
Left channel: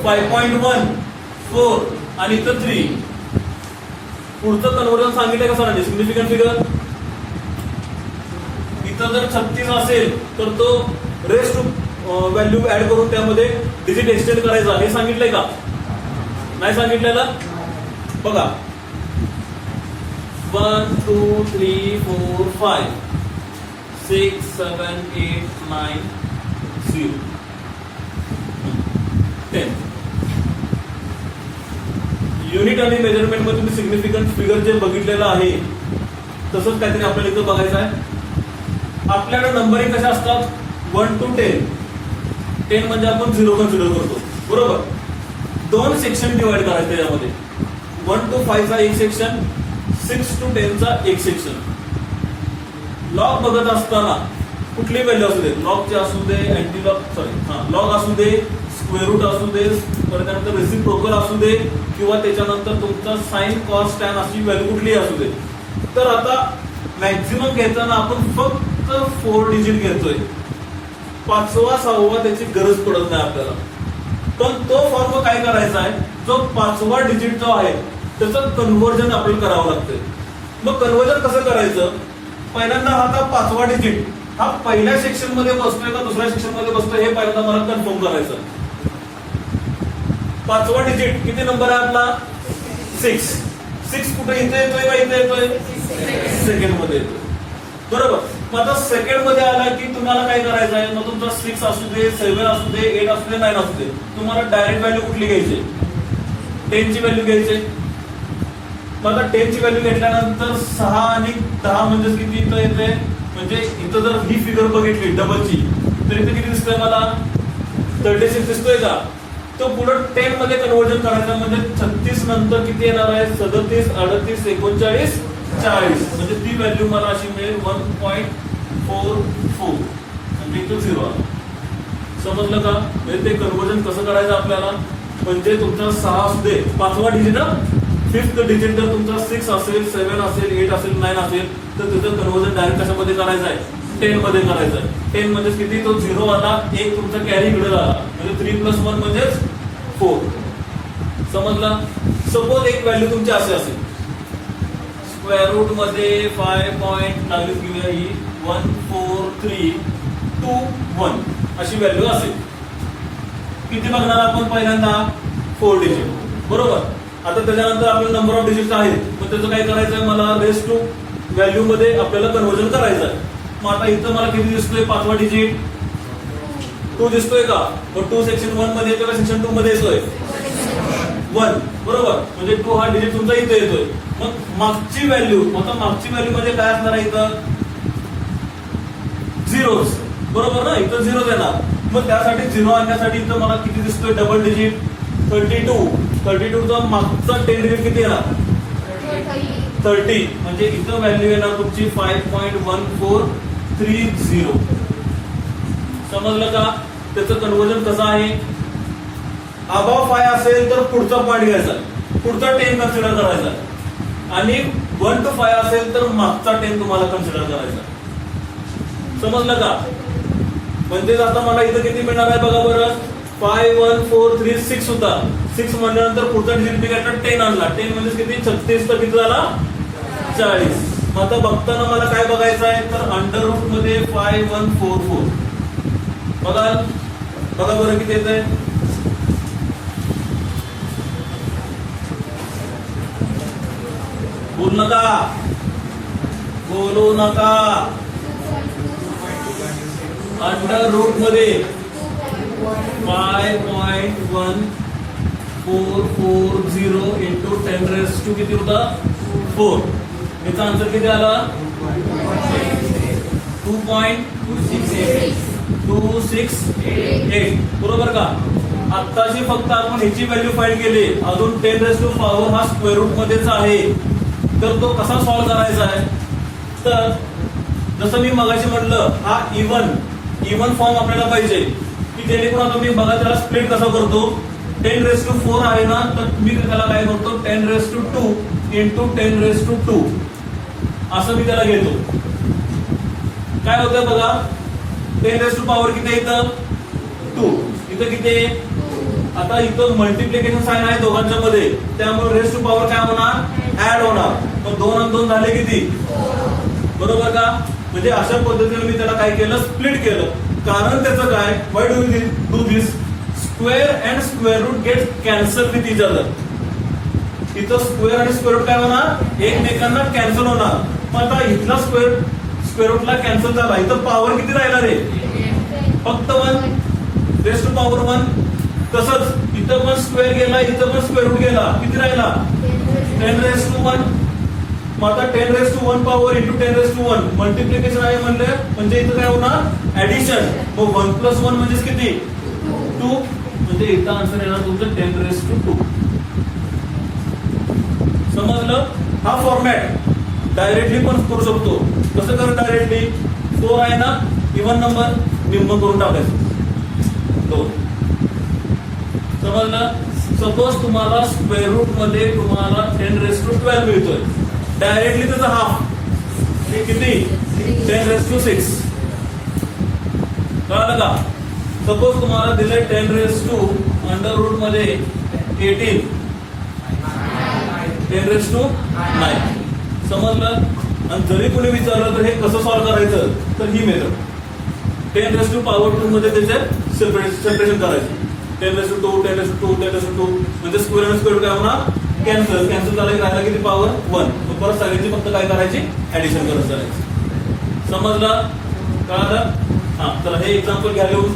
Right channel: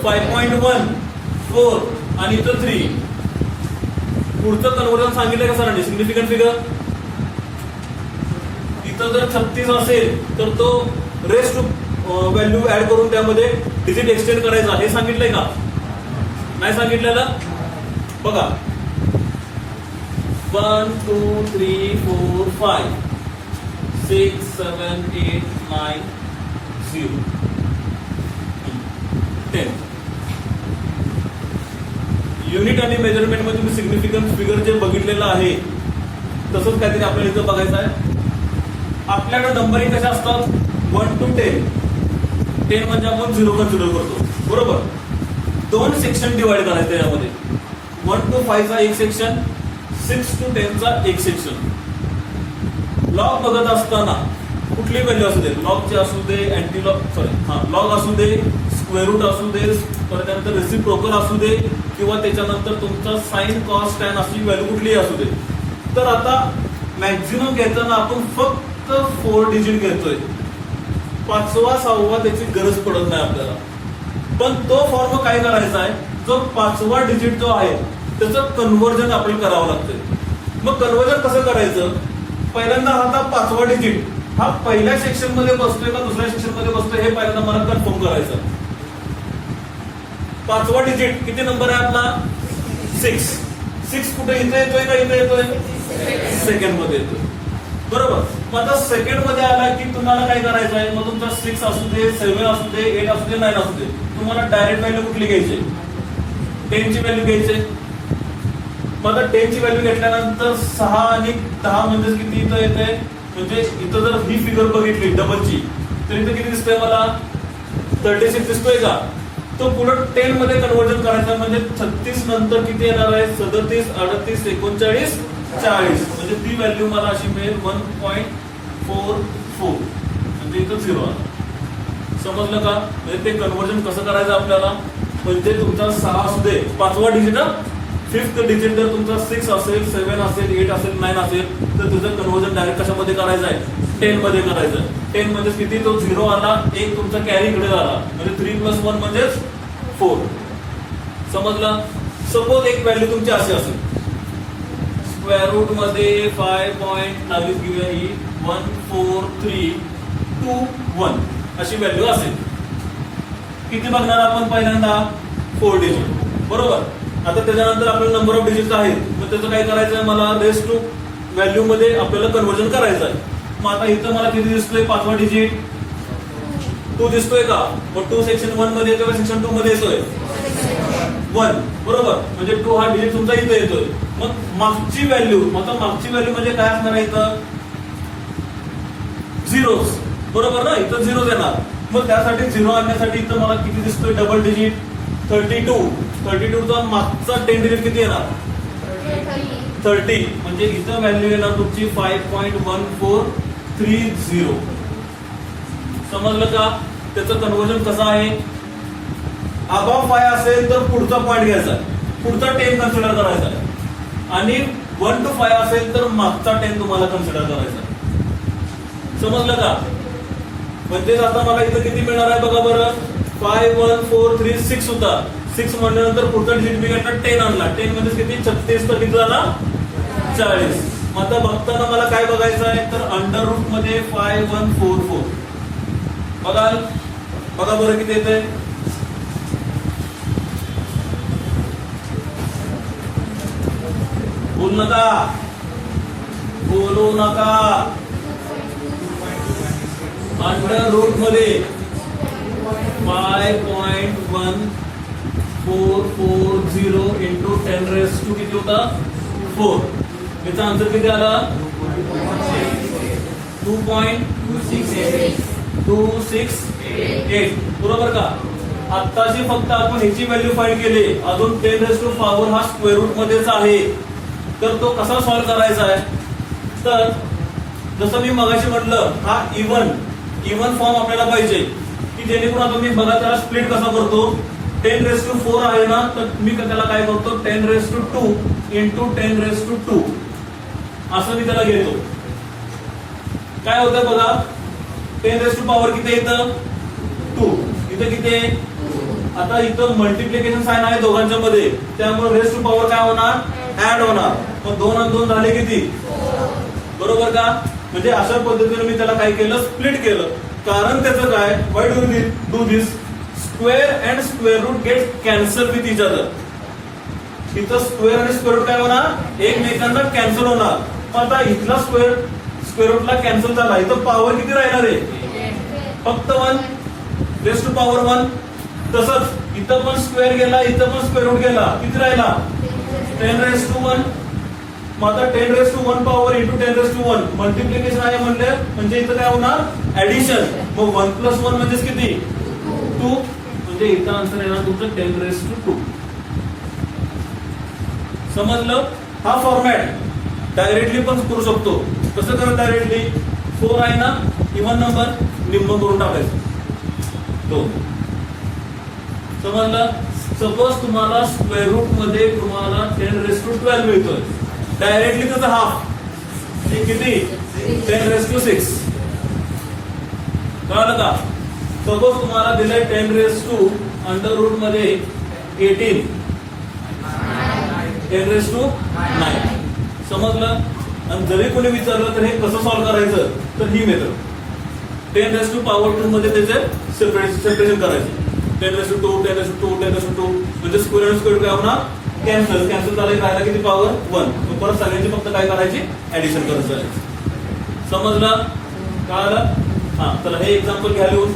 5.1 4 आणि इथं 3. पुढचं कन्व्हर्जन सांगितलं का सरांनी? Significant figure. जर 36 असेल तर तो रेस्ट व्हॅल्यू ऍड करून त्यामध्ये डिजिट एक्सटेंड करायचा. हे सांगितलंय का? नाही सांगितलेलं? बघा. 1 2 3 4 5 6 7 8 9 0 10. युनिट आणि मेजरमेंट मध्ये तुम्ही सिग्निफिकंट फिगर जे बघितलेलं आहे तसंच काहीतरी आपल्याला इथं बघायचं आहे. आपल्याकडे नंबरिंग कशा असतात? 1 to 10. 10 म्हणजे आपण 0 कन्सिडर करतो. बरोबर. 2 सेक्शन डिवाइड करायचे यामध्ये. 1 to 5 चा एक सेक्शन, 6 to 10 चा एक सेक्शन. लॉग बघत असताना कुठली व्हॅल्यू असू दे, लॉगचे असू दे, अँटी लॉग लॉग असू दे, स्क्वेअर रूट असू दे, त्यानंतर रेसिप्रोकल असू दे, किंवा त्याच्यानंतर तुमचा साइन कॉस टॅन अशी व्हॅल्यू कुठलीही असू दे. तर आता मॅक्झिमम घेताना आपण फक्त 4 डिजिट घेतोय. 5वा 6वा त्याची गरज पडत नाही आपल्याला. पण तो फॉर्म काय करायचा आहे? जो 5वा डिजिट जो आहे त्याचं कन्व्हर्जन आपल्याला करावं लागतंय. मग कन्व्हर्जन कसं करायचं? पहिल्यांदा आता 5वा डिजिट हा पहिल्या सेक्शन मध्ये बसतोय का दुसऱ्या सेक्शन मध्ये बसतोय हे पहिल्यांदा मला कन्फर्म करायचं. 5वा डिजिट किती नंबर आहे आपला? 6. 6 कुठे? इथे येतोय का इथे येतोय? सेकंड मध्ये येतोय. बरोबर. मग आता सेकंड मध्ये आला की तुम्हाला काय करायचं आहे? मग तुमचा 6 असू दे, 7 असू दे, 8 असू दे, 9 असू दे, तुम्हाला डायरेक्ट व्हॅल्यू कुठली घ्यायची? 10 ची व्हॅल्यू घ्यायची. मग आता 10 ची व्हॅल्यू घेतल्यानंतर 6 आणि 10 म्हणजे किती इथं येते, म्हणजे इथं जर ही फिगर बघितली डबलची तर इथे किती दिसतोय मला 36 दिसतोय का. तो पुढे 10 मध्ये कन्व्हर्जन करायचं म्हणजे 36 नंतर किती येणार आहे 37, 38, 39, 40 म्हणजे ती व्हॅल्यू मला अशी मिळेल 1.44 म्हणजे इथं 0 आहे. समजलं का. म्हणजे ते कन्व्हर्जन कसं करायचं आपल्याला, म्हणजे तुमचा 6 असू दे 5वा डिजिट, 5th डिजिट जर तुमचा 6 असेल, 7 असेल, 8 असेल, 9 असेल तर त्याचं कन्व्हर्जन डायरेक्ट कशामध्ये करायचं आहे 10 मध्ये करायचं. 10 मध्ये किती तो 0 आला, एक तुमचा कॅरी इकडे झाला म्हणजे 3 + 1 म्हणजेच 4. समजलं. सपोज एक व्हॅल्यू तुमची अशी असेल स्क्वेअर रूट मध्ये 5.22 घेऊया ही 14321 अशी व्हॅल्यू असेल. किती बघणार आपण पहिल्यांदा 4 डिजिट बरोबर. आता त्याच्यानंतर आपल्याला नंबर ऑफ डिजिट्स आहेत मग त्याचं काय करायचं आहे मला रेस टू व्हॅल्यू मध्ये आपल्याला कन्व्हर्जन करायचं आहे. मग आता इथं मला किती दिसतोय 5वा डिजिट 2 दिसतोय का. मग 2 सेक्शन 1 मध्ये येतोय का सेक्शन 2 मध्ये येतोय 1 बरोबर. म्हणजे 2 हा डिजिट तुमचा इथे येतोय. मग मागची व्हॅल्यू म्हणजे काय असणार आहे इथं झिरोज बरोबर ना. इथं 0 येणार. मग त्यासाठी 0 आणण्यासाठी इथं मला किती दिसतोय डबल डिजिट 32 चा मागचा 10 डिजिट किती येणार 30 म्हणजे इथं व्हॅल्यू येणार तुमची 5.1430. समजलं का. त्याचं कन्व्हर्जन कसं आहे अबॉव 5 असेल तर पुढचा पॉईंट घ्यायचा, पुढचा 10 कन्सिडर करायचा आणि 1 to 5 असेल तर मागचा 10 तुम्हाला कन्सिडर करायचा. समजलं का. म्हणजे आता मला इथं किती मिळणार आहे बघा बरं 51436 होता. 6 म्हणल्यानंतर पुढचा डिजिट मी काय 10 आणला. 10 म्हणजे किती 36 तर किती झाला 40. मग आता बघताना मला काय बघायचं आहे तर अंडर रूट मध्ये 5144 बघा बरं किती येतंय बोलू नका. अंडर रूट मध्ये 5.1440 इंटू 10⁻² किती होता 4. याचा आन्सर किती आला 2.268 बरोबर का. आत्ताची फक्त आपण ह्याची व्हॅल्यू फाइंड केली, अजून 10⁻⁴ हा स्क्वेअर रूट मध्येच आहे. तर तो कसा सॉल्व्ह करायचा आहे तर जसं मी मगाशी म्हटलं हा इव्हन फॉर्म आपल्याला पाहिजे की जेणेकरून आता मी बघा त्याला स्प्लिट कसा करतो 10⁻⁴ आहे ना तर मी त्याला काय करतो 10⁻² इंटू 10⁻² असं मी त्याला घेतो. काय होतं बघा 10⁻⁴ किती येतं 2 इथं किती. आता इथं मल्टिप्लिकेशन साइन आहे दोघांच्या मध्ये त्यामुळे रेस टू पॉवर काय होणार ऍड होणार. मग 2 आणि 2 झाले किती बरोबर का. म्हणजे अशा पद्धतीने मी त्याला काय केलं स्प्लिट केलं. कारण त्याचं काय why do this square and square root get cancel with each other. इथं स्क्वेअर आणि स्क्वेअर रूट काय होणार एकमेकांना कॅन्सल होणार. मग आता इथला स्क्वेअर रूटला कॅन्सल झाला इथं पॉवर किती राहिणार आहे फक्त 1 रेस टू पॉवर 1. तसंच इथं पण स्क्वेअर गेला इथं पण स्क्वेअर रूट गेला किती राहिला 10⁻⁴. मग आता 10⁻⁴ पॉवर इंटू 10⁻⁴ मल्टिप्लिकेशन आहे म्हणजे इथं काय होणार ऍडिशन. मग 1 + 1 म्हणजेच किती 2 म्हणजे इथं आन्सर येणार तुमचं 10⁻². समजलं. हा फॉर्मॅट डायरेक्टली पण करू शकतो. कसं करू डायरेक्टली 4 आहे ना इव्हन नंबर निम्म करून टाकायचं 2. समजलं. सपोज तुम्हाला स्क्वेअर रूट मध्ये तुम्हाला 10⁻12 मिळतोय डायरेक्टली त्याचा हाफ किती 10⁻6 कळलं का. सपोज तुम्हाला दिलंय 10⁻² अंडर रूट मध्ये 18 10⁻9 समजलं. आणि जरी कोणी विचारलं तर हे कसं सॉल्व्ह करायचं तर ही मेथड 10⁻² मध्ये त्याचे सेपरेशन करायचं 10⁻², 10⁻² म्हणजे स्क्वेअर आणि स्क्वेअर काय होणार कॅन्सल झाला की राहिला किती पॉवर 1. परत सगळ्यांची फक्त काय करायची ऍडिशन करत जायची. समजलं कळलं. हा चला हे एक्झाम्पल घ्या लिहून.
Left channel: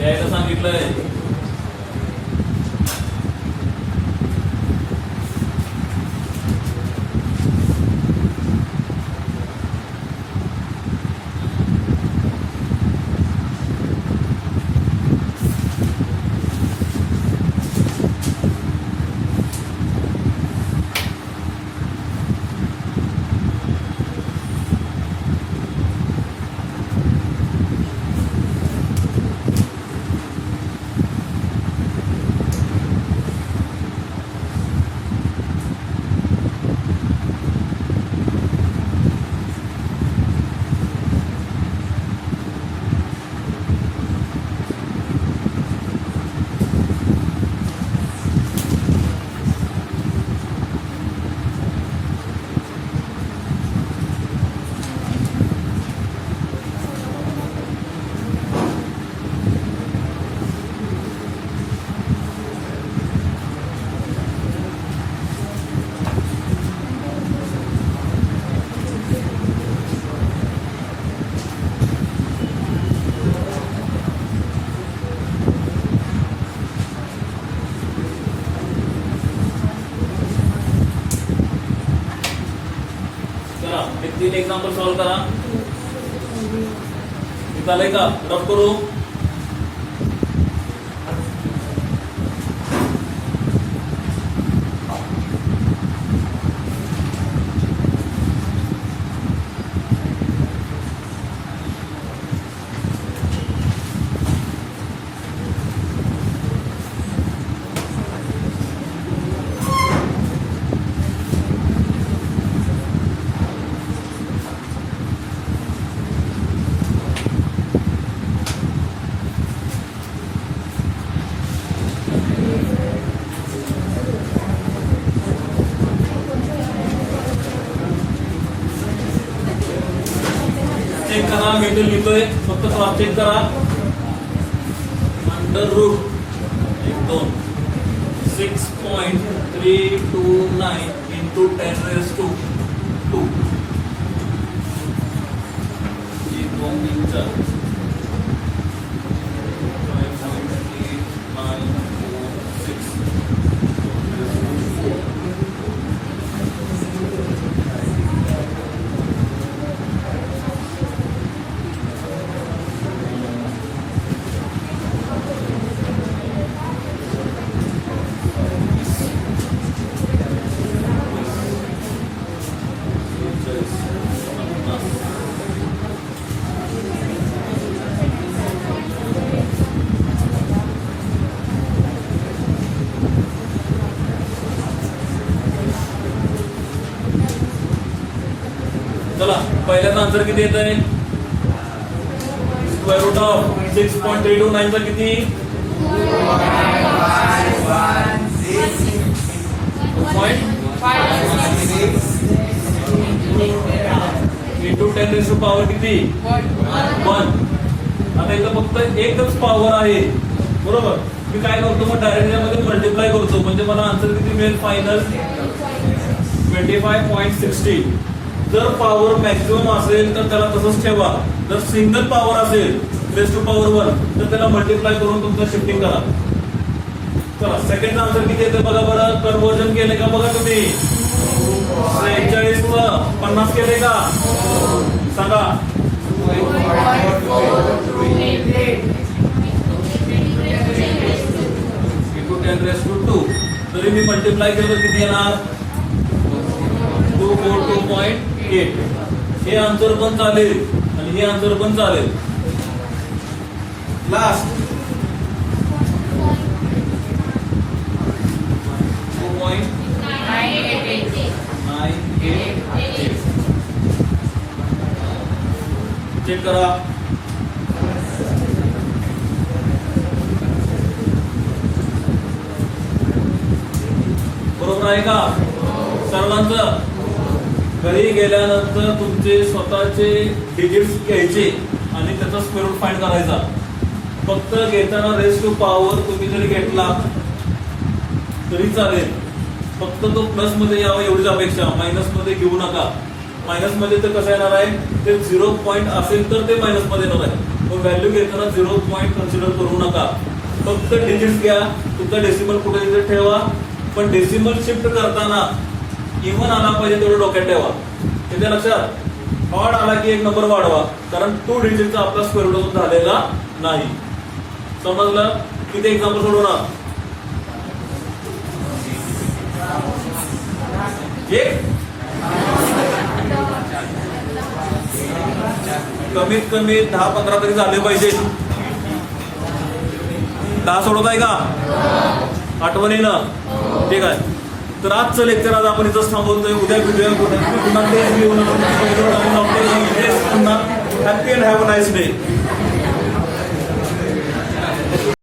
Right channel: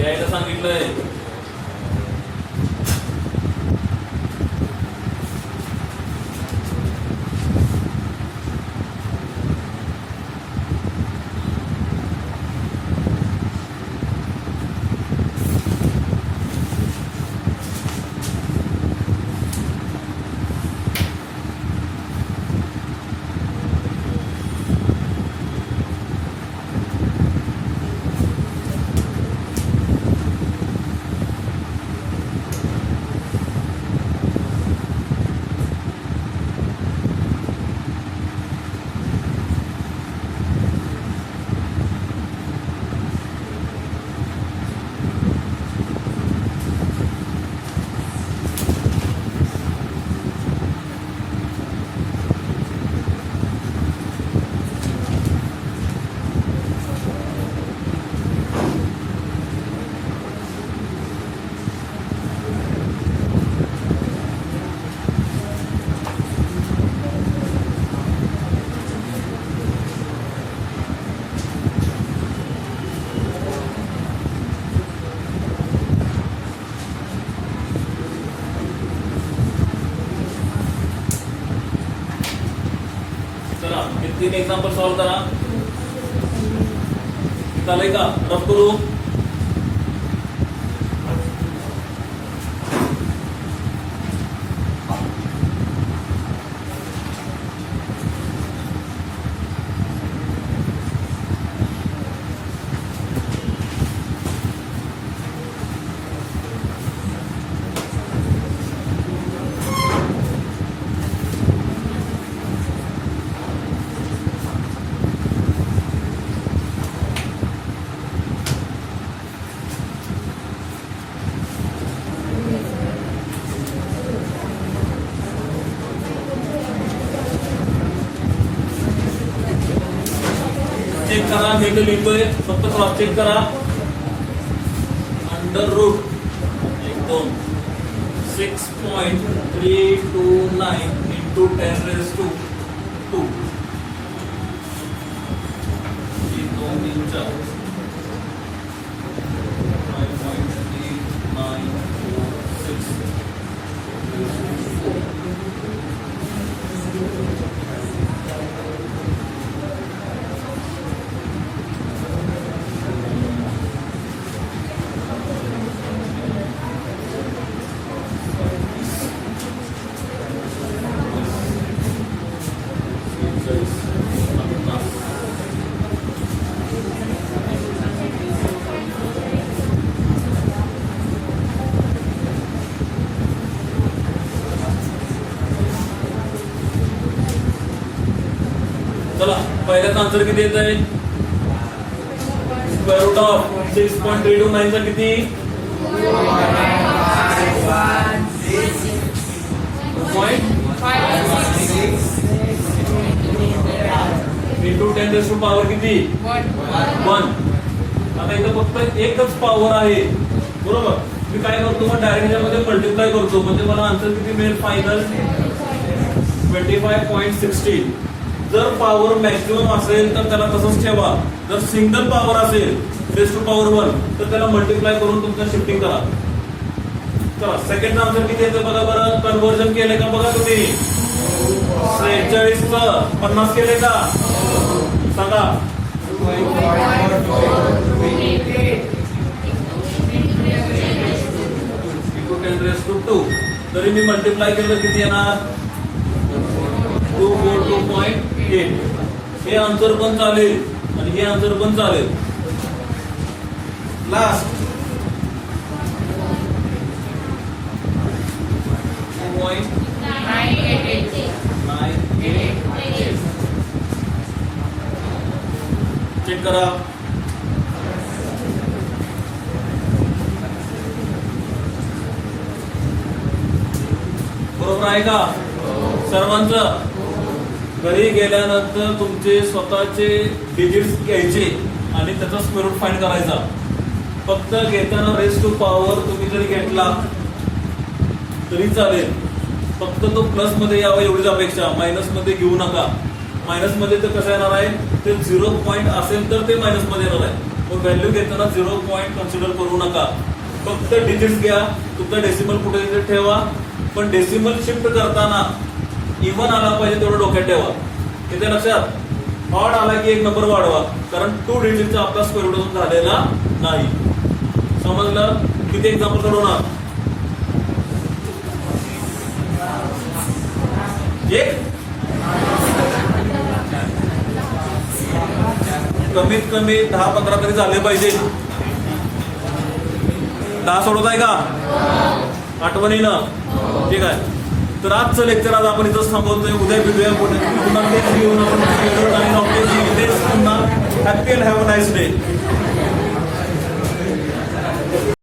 द्यायला सांगितलंय. चला हे 3 एक्झाम्पल सॉल्व्ह करा. हे चालेल का? रफ करू. चेक करा. मी तो लिहितोय, फक्त क्रॉस चेक करा. Under root 2 6.329 into 10 raised to 2. ये 2 3 4 चला पहिल्याचा आन्सर किती येत आहे? स्क्वेअर रूट ऑफ 6.329 चा किती? 2.5 इंटू 10 रेज टू पॉवर किती? 1. आता इथं फक्त एकच पॉवर आहे, बरोबर. मी काय करतो मग डायरेक्ट यामध्ये मल्टिप्लाय करतो, म्हणजे मला आन्सर किती मिळेल? फायनल 25.60. जर पॉवर मॅक्सिमम असेल तर त्याला तसंच ठेवा. जर सिंगल पॉवर असेल रेज टू पॉवर 1 तर त्याला मल्टिप्लाय करून तुमचं शिफ्टिंग करा. चला सेकंड आन्सर किती येते बघा बरं. कन्व्हर्जन केले का बघा तुम्ही? 41 ला 50 केले का? सांगा. Into 10 raise to 2. तरी मी मल्टिप्लाय केलं किती येणार? 242.8. हे आन्सर पण चालेल आणि हे आन्सर पण चालेल. लास्ट 2.988. चेक करा. बरोबर आहे का सर्वांचं? घरी गेल्यानंतर तुमचे स्वतःचे डिजिट्स घ्यायचे आणि त्याचा स्क्वेअर रूट फाइंड करायचा. फक्त घेताना रेज टू पॉवर तुम्ही जरी घेतला तरी चालेल, फक्त तो प्लस मध्ये यावा एवढीच अपेक्षा, मायनस मध्ये घेऊ नका. मायनस मध्ये तर कसं येणार आहे ते 0 पॉईंट असेल तर ते मायनस मध्ये येणार आहे. मग व्हॅल्यू घेताना 0 पॉईंट कन्सिडर करू नका. फक्त डिजिट घ्या. तुमचा डेसिमल कुठे इथे ठेवा, पण डेसिमल शिफ्ट करताना इव्हन आला पाहिजे तेवढं डोक्यात ठेवा. येते लक्षात. ऑड आला की एक नंबर वाढवा, कारण 2 डिजिटचा आपला स्क्वेअर रूट झालेला नाही. समजलं. किती एक्झाम्पल सोडवणार. एक कमीत कमी 10-15 तरी झाले पाहिजे. 10 सोडवताय का आठवणीनं. ठीक आहे. तर आजचं लेक्चर आज आपण इथंच थांबवतोय. उद्या भेटूया पुन्हा तेच घेऊन आपण happy and have a nice day.